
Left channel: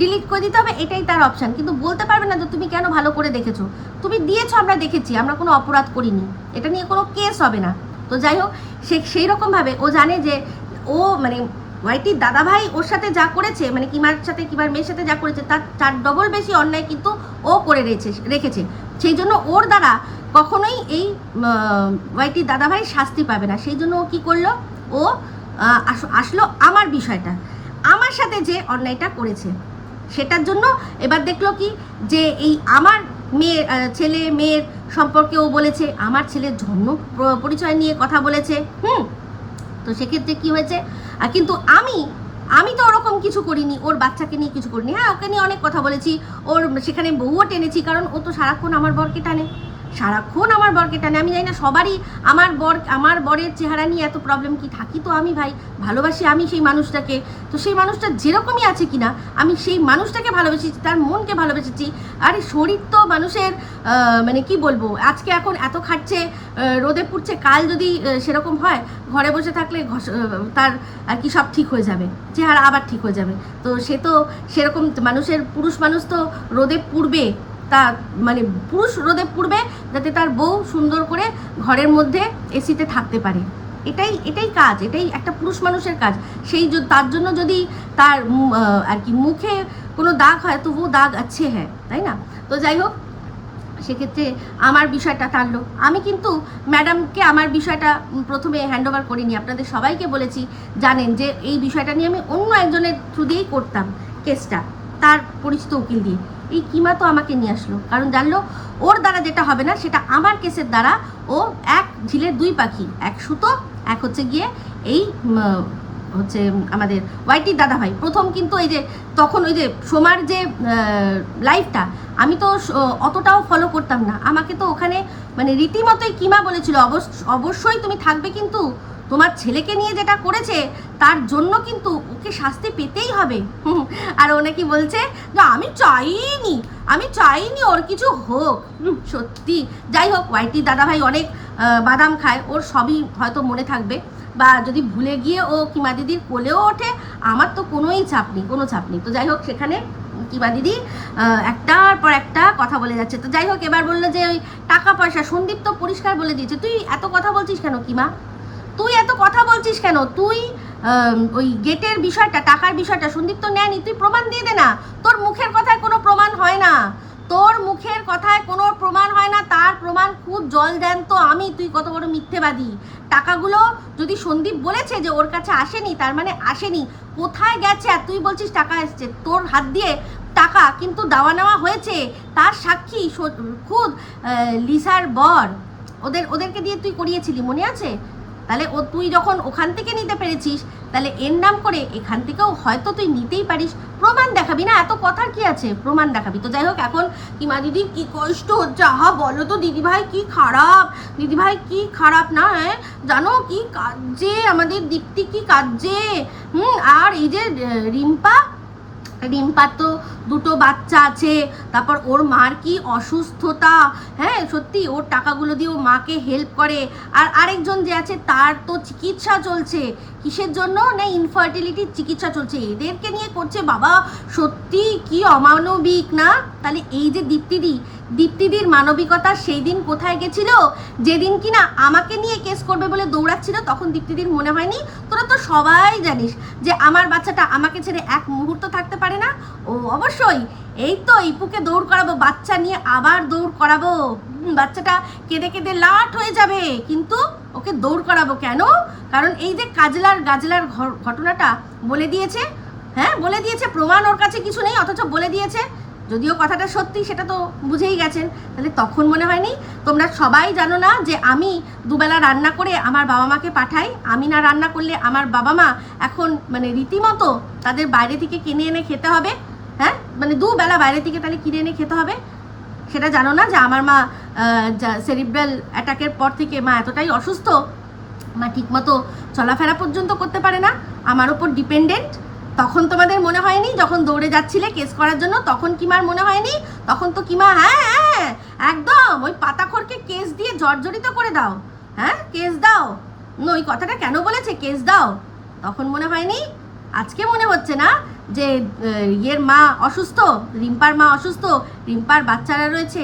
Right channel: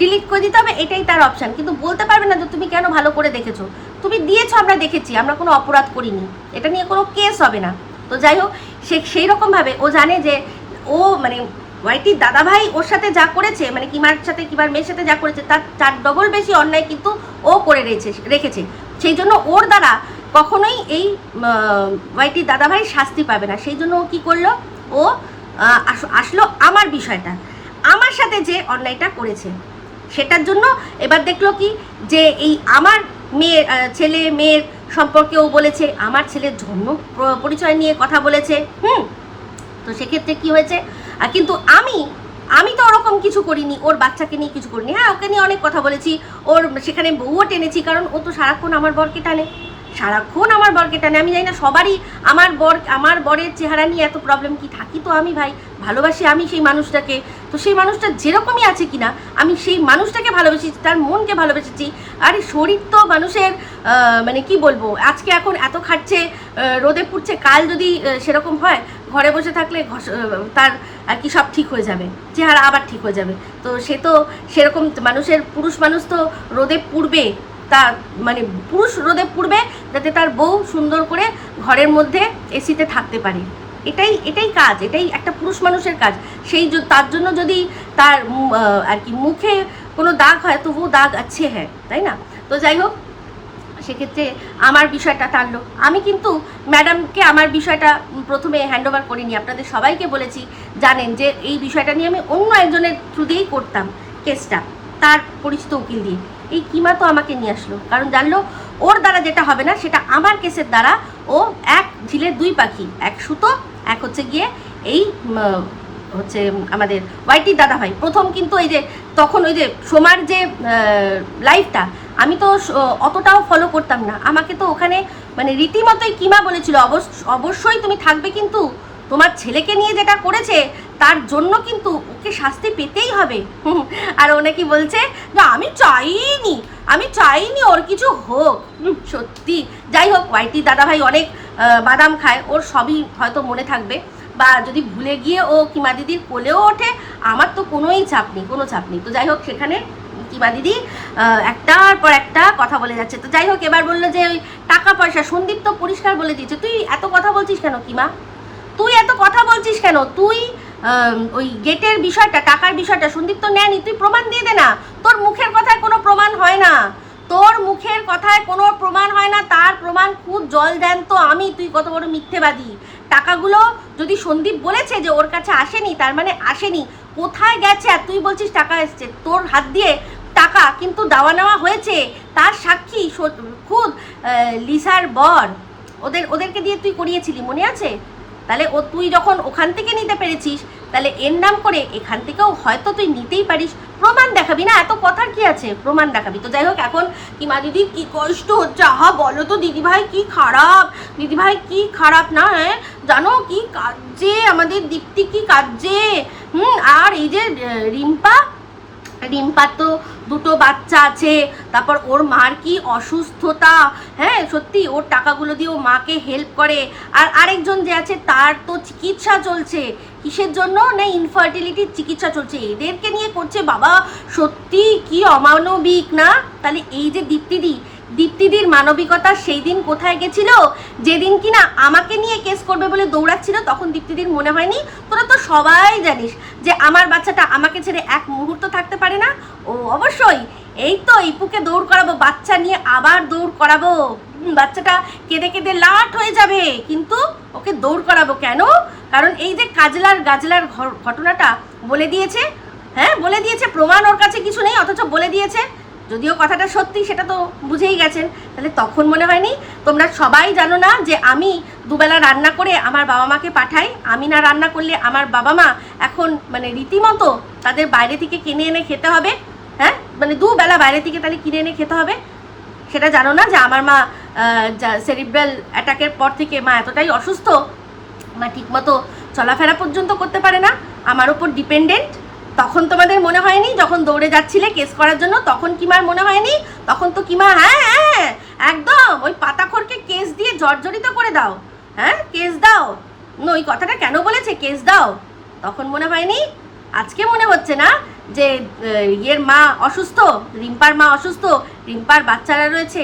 ডিলিট করে দিতে হবে, এটাই তার অপশন কিন্তু বলতে পারবে না যে তুমি কেন ভালো করে দেখেছ। তুমি দিয়েছ, আমরা দেখেছি, আমরা কোনো অপরাধ করিনি। এটা নিয়ে কোনো কেস হবে না। তো যাই হোক, সে সেই রকমভাবে ও জানে যে ও মানে ওয়াইটির দাদাভাই ওর সাথে যা করেছে মানে কিমার সাথে, কিমার মেয়ের সাথে যা করেছে, তার চার ডবল বেশি অন্যায় কিন্তু ও করে রেখেছে রেখেছে। সেই জন্য ওর দ্বারা কখনোই এই ওয়াইটির দাদাভাই শাস্তি পাবে না। সেই জন্য ও কী করল? ও আসলো আমার বিষয়টা। আমার সাথে যে অন্যায়টা করেছে, সেটার জন্য এবার দেখল কি যে এই আমার মেয়ের ছেলে মেয়ের সম্পর্কে ও বলেছে, আমার ছেলের জন্ম পরিচয় নিয়ে কথা বলেছে, হুম? তো সেক্ষেত্রে কি হয়েছে? কিন্তু আমি আমি তো ওরকম কিছু করিনি, ওর বাচ্চাকে নিয়ে কিছু করিনি। হ্যাঁ ওকে নিয়ে অনেক কথা বলেছি, ওর, সেখানে বউও টেনেছি, কারণ ও তো সারাক্ষণ আমার বরকে টানে। সারাক্ষণ আমার বরকে টানে। আমি জানি না সবারই আমার বর, আমার বরের চেহারা নিয়ে এত প্রবলেম কি থাকি তো আমি ভাই। ভালোবাসি আমি সেই মানুষটাকে। তো সেই মানুষটা যেরকমই আছে কিনা, আমি সেই মানুষটাকে ভালোবেসেছি, তার মনকে ভালোবেসেছি। আর শরীর তো মানুষের মানে কি বলব, আজকে এখন এত খাচ্ছে রোদে পুড়ছে, কাল যদি সেরকম হয়, ঘরে বসে থাকলে তার আর কি সব ঠিক হয়ে যাবে, চেহারা আবার ঠিক হয়ে যাবে। তো সে তো সেরকম মানুষের, পুরুষ মানুষ তো রোদে পুড়বে তা মানে পুরুষ রোদে পুড়বে যাতে তার বউ সুন্দর করে ঘরের মধ্যে এসিতে থাকতে পারে। এটাই এটাই কাজ, এটাই একটা পুরুষ মানুষের কাজ। সেই তার জন্য যদি তার আর কি মুখে কোনো দাগ হয় তো ও দাগ আছে হ্যাঁ তাই না? তো যাই হোক, সেক্ষেত্রে আমার বিষয়টা টানলো। আমি কিন্তু ম্যাডামকে আমার বিষয়টা প্রথমে হ্যান্ড ওভার করিনি, আপনাদের সবাইকে বলেছি, জানেন যে এই বিষয়টা নিয়ে আমি অন্য একজনের থ্রু দিয়েই করতাম কেসটা তার পরিচিত উকিল দিয়ে। এই কিমা তো আমাকে নিয়ে আসলো। কারণ জানলো ওর দ্বারা যেটা হবে না, সেটা আমার কেসের দ্বারা ও এক ঝিলের দুই পাখি, এক সুতো, এক হচ্ছে গিয়ে এই হচ্ছে আমাদের ওয়াইটির দাদা ভাই প্রথম কিন্তু এই যে, তখন ওই যে সোমার যে লাইফটা আমি তো অতটাও ফলো করতাম না। আমাকে তো ওখানে মানে রীতিমতোই কিমা বলেছিল অবশ্য- অবশ্যই তুমি থাকবে কিন্তু তোমার ছেলেকে নিয়ে যেটা করেছে, তার জন্য কিন্তু ওকে শাস্তি পেতেই হবে। আর ও নাকি বলছে যে, আমি চাইনি আমি চাইনি ওর কিছু হোক। সত্যি। যাই হোক ওয়াইটি দাদাভাই অনেক বাদাম খায়। ওর সবই হয়তো মনে থাকবে। বা যদি ভুলে গিয়ে ও কিমা দিদির কোলেও ওঠে, আমার তো কোনোই চাপ নেই, কোনো চাপ নেই। তো যাই হোক, সেখানে কিমা দিদি একটার পর একটা কথা বলে যাচ্ছে। তো যাই হোক, এবার বলল যে, ওই টাকা পয়সা, সন্দীপ তো পরিষ্কার বলে দিয়েছে। তুই এত কথা বলছিস কেন কিমা? তুই এত কথা বলছিস কেন? তুই ওই গেটের বিষয়টা, টাকার বিষয়টা সন্দীপ তো নেয়নি, তুই প্রমাণ দিয়ে দে না। তোর মুখের কথায় কোনো প্রমাণ হয় না। তোর মুখের কথায় কোনো প্রমাণ হয় না, তার প্রমাণ খুব জল দেন তো আমি, তুই কত বড় মিথ্যেবাদী। টাকাগুলো যদি সন্দীপ বলেছে যে ওর কাছে আসেনি, তার মানে আসেনি, কোথায় গেছে? আর তুই বলছিস টাকা এসছে। তোর হাত দিয়ে টাকা কিন্তু দেওয়া নেওয়া হয়েছে। তার সাক্ষী খুদ লিসার বর। ওদের, ওদেরকে দিয়ে তুই করিয়েছিলি, মনে আছে? তাহলে ও তুই যখন ওখান থেকে নিতে পেরেছিস, তাহলে এর নাম করে এখান থেকেও হয়তো তুই নিতেই পারিস। প্রমাণ দেখাবি না, এত কথার কি আছে? প্রমাণ দেখাবি। তো যাই হোক, এখন কি মা দিদির কি কষ্ট হচ্ছে? আহা, বলো তো দিদিভাই কি খারাপ? দিদিভাই কি খারাপ না হ্যাঁ জানো কি কাজে, আমাদের দীপ্তি কি কাজে? হুম, আর এই যে রিম্পা রিম্পার তো দুটো বাচ্চা আছে, তারপর ওর মার কি অসুস্থতা হ্যাঁ সত্যি ওর টাকাগুলো দিয়ে ও মাকে হেল্প করে। আর আরেকজন যে আছে, তার তো চিকিৎসা চলছে। কিসের জন্য? না ইনফার্টিলিটির চিকিৎসা চলছে। এদেরকে নিয়ে করছে, বাবা, সত্যি কি অমানবিক, না? তাহলে এই যে দীপ্তিদি দীপ্তিদির মানবিকতা সেই দিন কোথায় গেছিল? যেদিন কিনা আমাকে নিয়ে কেস করবে বলে দৌড়াচ্ছিল, তখন দীপ্তিদির মনে হয়নি। তোরা তো সবাই জানিস যে আমার বাচ্চাটা আমাকে ছেড়ে এক মুহূর্ত থাকতে পারে না। ও অবশ্যই, এই তো ইপুকে দৌড় করাবো, বাচ্চা নিয়ে আবার দৌড় করাবো। বাচ্চাটা কেঁদে কেঁদে লাট হয়ে যাবে। কিন্তু ওকে দৌড় করাবো কেন? কারণ এই যে কাজলার গাজলার ঘটনাটা বলে দিয়েছে হ্যাঁ বলে দিয়েছে, প্রমাণ ওর কাছে কিছু নেই, অথচ বলে দিয়েছে যদিও কথাটা সত্যি, সেটা তো বুঝেই গেছেন। তাহলে তখন মনে হয়নি? তোমরা সবাই জানো না যে আমি দুবেলা রান্না করে আমার বাবা মাকে পাঠাই? আমি না রান্না করলে আমার বাবা মা এখন মানে রীতিমতো তাদের বাইরে থেকে কিনে এনে খেতে হবে? হ্যাঁ? মানে দুবেলা বাইরে থেকে তাহলে কিনে এনে খেতে হবে? সেটা জানো না যে আমার মা সেরিব্রাল অ্যাটাকের পর থেকে মা এতটাই অসুস্থ? মা ঠিকমতো চলাফেরা পর্যন্ত করতে পারে না? আমার ওপর ডিপেন্ডেন্ট তখন তোমাদের মনে হয়নি? যখন দৌড়ে যাচ্ছিলে কেস করার জন্য, তখন কিমার মনে হয়নি? তখন তো কিমা হ্যাঁ হ্যাঁ একদম, ওই পাতাখরকে কেস দিয়ে জর্জরিত করে দাও হ্যাঁ কেস দাও। ওই কথাটা কেন বলেছে? কেস দাও। তখন মনে হয়নি? আজকে মনে হচ্ছে না যে ইয়ের মা অসুস্থ, রিম্পার মা অসুস্থ, রিম্পার বাচ্চারা রয়েছে।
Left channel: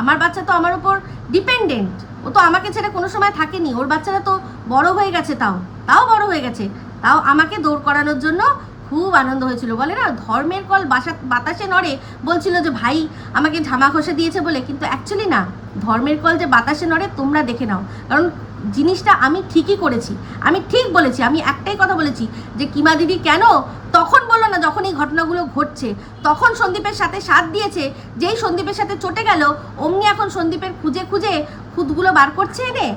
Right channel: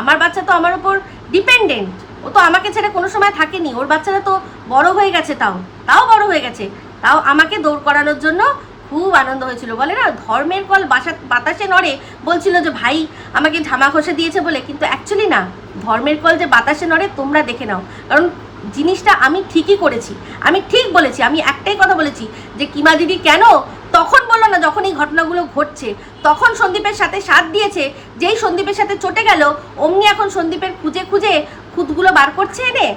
আমার বাচ্চা তো আমার উপর ডিপেন্ডেন্ট ও তো আমাকে ছেড়ে কোনো সময় থাকেনি। ওর বাচ্চারা তো বড় হয়ে গেছে তাও তাও বড় হয়ে গেছে। তাও আমাকে দৌড় করানোর জন্য খুব আনন্দ হয়েছিল। বলে না, ধর্মের কল বাসা, বাতাসে নড়ে বলছিল যে, ভাই, আমাকে ঝামা ঘষে দিয়েছে বলে। কিন্তু অ্যাকচুয়ালি না, ধর্মের কল যে বাতাসে নড়ে তোমরা দেখে নাও। কারণ জিনিসটা আমি ঠিকই করেছি। আমি ঠিক বলেছি, আমি একটাই কথা বলেছি যে, কিমা দিদি কেন তখন বলল না, যখন এই ঘটনাগুলো ঘটছে, তখন সন্দীপের সাথে সাথ দিয়েছে। যেই সন্দীপের সাথে চটে গেল, অমনি এখন সন্দীপের খুঁজে খুঁজে খুদগুলো বার করছে এনে।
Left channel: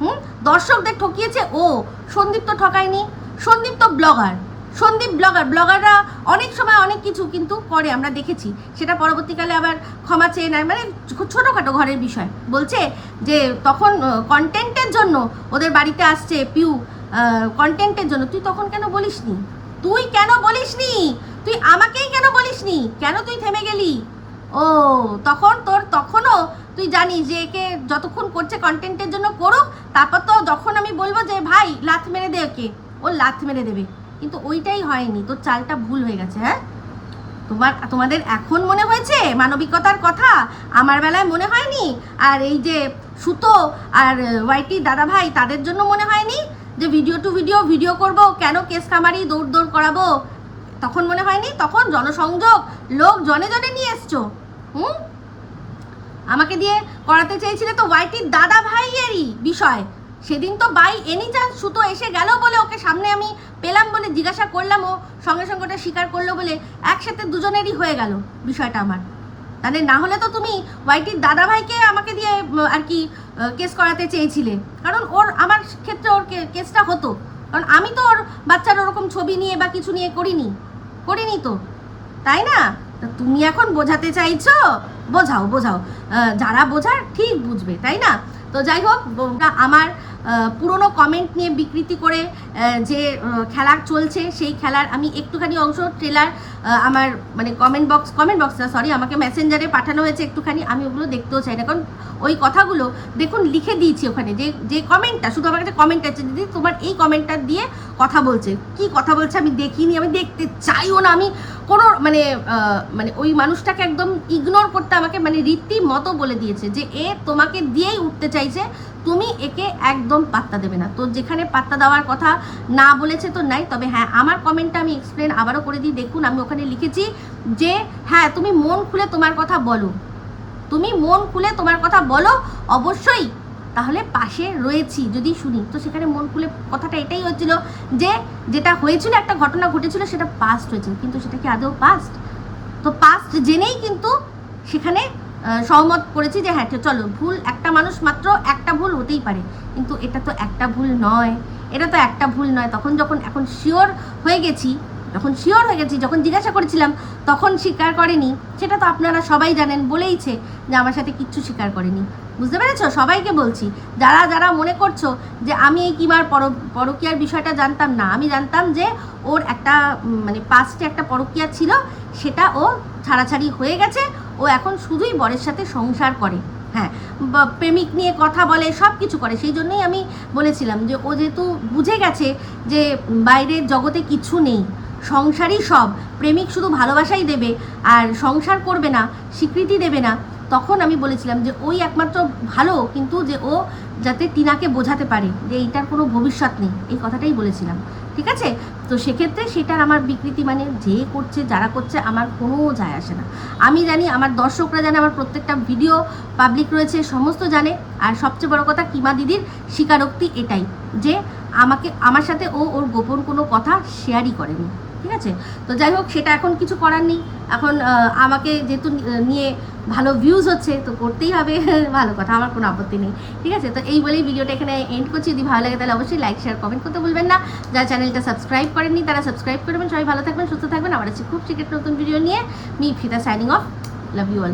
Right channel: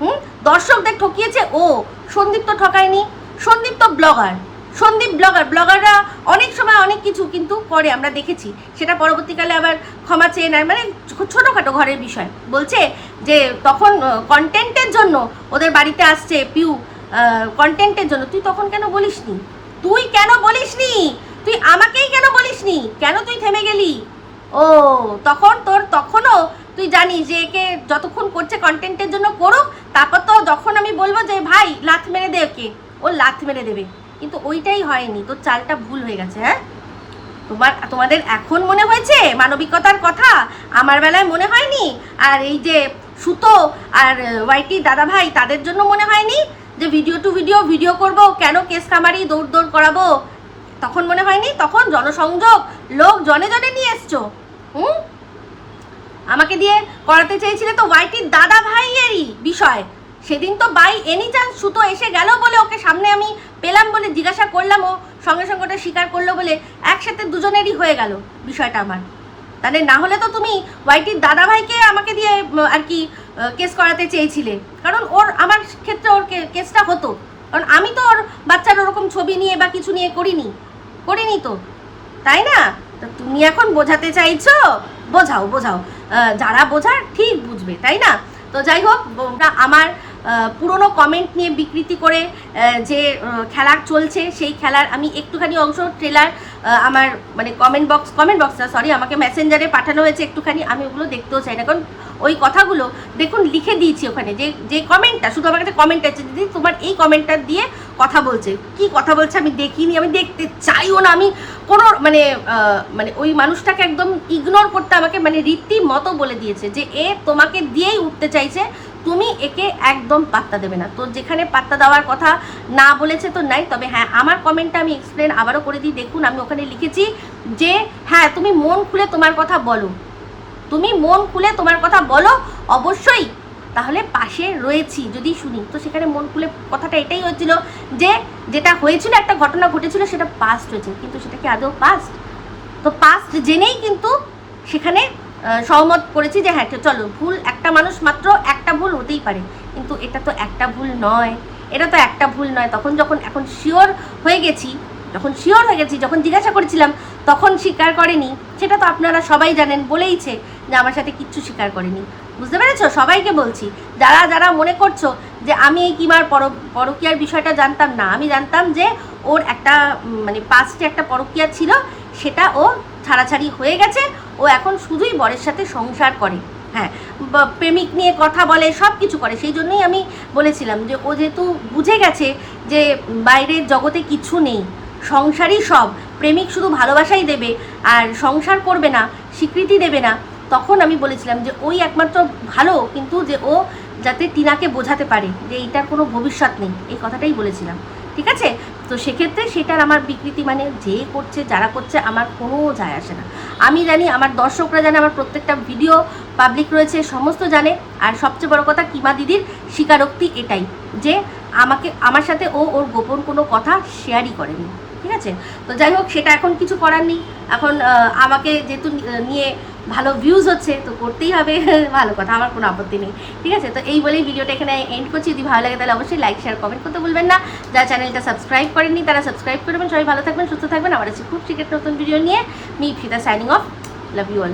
হুম? দর্শকদের ঠকিয়েছে ও। সন্দীপ তো ঠকায়নি। সন্দীপ তো ব্লগার সন্দীপ ব্লগার, ব্লগাররা অনেক সময় অনেক কিছু কিন্তু করে, আমরা দেখেছি। সেটা পরবর্তীকালে আবার ক্ষমা চেয়ে নেয় মানে ছোটোখাটো ঘরের বিষয়। বলছে যে তখন কন্টেন্টের জন্য ওদের বাড়িতে আসছে পিউ কন্টেন্টের জন্য। তুই তখন কেন বলিসনি? তুই কেন বলিসনি? তুই আমাকেই কেন বলিসনি? কেন তুই থেমে গেলি? ও, তখন তোর তখনও তুই জানিস যে একে যতক্ষণ করছে কন্টেন্টের জন্য করুক, তারপর তো যখন আমি বলব যে, ভাই, লাথ মেরে দে ওকে। ও লাথ মেরে দেবে। কিন্তু ওইটাই হয়নি, তোর চালটা ভুল হয়ে গেছে হ্যাঁ? তোমার, তোমাদের এখন মনে হয়েছে মানবিকতার কথা? আমার বেলায় মনে হয়নি? আর এই যে সুতো আর ওয়াইটি দাদা ভাই তাদের জন্য মনে হয়নি? যে ভিডিও টু ভিডিও ভিডিও করব, কেন কেস কামারি দৌড় দৌড় করাবো? তখন মনে হয়নি? তখন জনসংযোগ, লোক জনে জনে নিয়ে এসছো। হুম? আমাকে দিয়ে করাতে চেয়েছিলে তো ওয়াইটির দাদা ভাইয়েরই বিষয়। সেদিন তো বাই এনি চান্স সুতো এসে গেল বলে ওকে সামনে আমি পেলাম বলে জিজ্ঞাসা করলাম, ও সঙ্গে সঙ্গে ওটা স্বীকার করল বলে একসাথে দুজনেরই হয়ে গেল বিষয়টা আমার। তাহলে না হলে তো তুমি ওয়াইটির দাদা ভাইকে আমাকে দিয়ে আর কি কেস করাতে চেয়েছিলে। কারণ ওর, আমার ক্ষেত্রে ওর কেসটা হতো। কারণ আমি তো ওর বাচ্চার ওরকম ছবি নিয়ে বা কিছু নিয়ে করিনি। করিনি তো। তাই না? তো তুমি এখন বোঝাতে চাইছো? বোঝাও বোঝাও। যারা বোঝার ঠিক বুঝবে, তাই না? তো যাই হোক আমার পুরনো কমেন্ট নিয়ে বিকৃতি করে যে খেলা চলছে, সেই খেলার আমি একটুখানি অংশ ট্রেলার আমার মানে কমেন্ট বক্স কমেন্ট বক্স না সরি আমাকে মেসেঞ্জারে পাঠানো হয়েছে একটুখানি, আমি ওগুলো দেখতেও চাই না। কারণ ওই কথাগুলো, দেখুন, লিখে দিয়েছি ওখানে, যে যে কমেন্টটা শুধু আমার কাছে কমেন্ট আছে, দিদি, তোমার এই কমেন্টটা দিয়ে কথা বলছে। কি কথা বলছে আমি দেখিনি, আমি দেখতে চাইও না, আমি কোনো মানে মানে ওই মানুষটাকে একদম ইগনোর করতে আমাকে মানে রীতি মতো বলে দিয়েছে যে, এ তোমাকে দিয়েই উঠতে চাইছে তুমি একে একদম পাত্তা দেবে না। তো যেখানে পাত্তা দেওয়ার কথা না বলেছে তো নাই, তবে হ্যাঁ আমার কমেন্টটা আমি এক্সপ্লেন আবারও করে দিই। দেখুন, আমি ওখানে লিখেছি যে হ্যাঁ তুমি মন খুলে তোমার কথা বলো। তুমি মন খুলে তোমার কথা বলো, অবশ্যই। তাহলে পাশে রয়েছি, যদি শুনি। তো সেখানে মন খুলে কথাটা এটাই হচ্ছিল যে, যেটা হয়েছিল, একটা ঘটনা ঘটেছিল, সেটা পাস্ট হয়েছে। কিন্তু সেটা কি আদৌ পাস্ট তো পাস্ট জেনেই কিন্তু সেখানে সহমত করেছি যে হ্যাঁ চলো, ভুল একটা মানুষ মাত্র একটা ভুল হতেই পারে। কিন্তু এটা তো একটা ভুল নয়। এটা তো একটা ভুল নয়। তখন যখন, এখন শিওর হয়ে গেছি, যখন শিওর হয়ে গেছি, যখন জিজ্ঞাসা করেছিলাম, তখন স্বীকার করেনি। সেটা তো আপনারা সবাই জানেন, বলেইছে যে আমার সাথে কিচ্ছু স্বীকার করেনি। বুঝতে পেরেছ? সবাইকে বলছি। যারা যারা মনে করছ যে আমি এই কিমার পর, পরকিয়ার বিষয়টা জানতাম না, আমি জানতাম যে ওর একটা মানে পাস্টে একটা পরকিয়া ছিল, সেটা ও ছাড়াছাড়ি হয়ে গেছে। ও এখন শুধুই বরের সাথে সংসার করে। হ্যাঁ প্রেমিক নিয়ে কথা বলে সব কিছু করে। সেই জন্যই আমি বলেছিলাম যে ও যেহেতু বুঝে গেছে যে বাইরের জগতে কিছু নেই, সংসারই সব, প্রেমিক শুধু ভালোবাসাই দেবে আর সংসার করবে না, স্বীকৃতি দেবে না, তখন আমি বলেছিলাম যে ওই একমাত্র ভালো, কিন্তু যে ও যাতে টিনাকে বোঝাতে পারে যে এইটার কোনো ভবিষ্যৎ নেই, এই কথাটাই বলেছিলাম। ঠিক আছে? তো সেক্ষেত্রে সেটার আমার বিকৃতি মানে যে করছে, যারা করছে, আমার কোনো যায় আসে না। আমি জানি আমার দর্শকরা জানে, আমার প্রত্যেকটা ভিডিও পাবলিক রয়েছে, সমস্ত জানে। আর সবচেয়ে বড় কথা, কিমা দিদির স্বীকারোক্তি এটাই যে আমাকে, আমার সাথে ও ওর গোপন কোনো কথা শেয়ারই করেনি। ঠিক আছে? তো যাই হোক, সেটা এখন কিছু করার নেই। এখন আমাকে যেহেতু নিয়ে ভালো ভিউজ হচ্ছে, তো করতেই হবে। ভালো কথা, আমার কোনো আপত্তি নেই। ঠিক আছে? তো এই বলেই ভিডিওটা এখানে এন্ড করছি। যদি ভালো লাগে তাহলে অবশ্যই লাইক শেয়ার কমেন্ট করতে ভুলবেন না। যারা চ্যানেলটা সাবস্ক্রাইব করেননি, তারা সাবস্ক্রাইব করবেন সবাই ভালো থাকবেন, সুস্থ থাকবেন। আবার আছি খুব শীঘ্র নতুন ভিডিও নিয়ে। Me Fida signing off love you all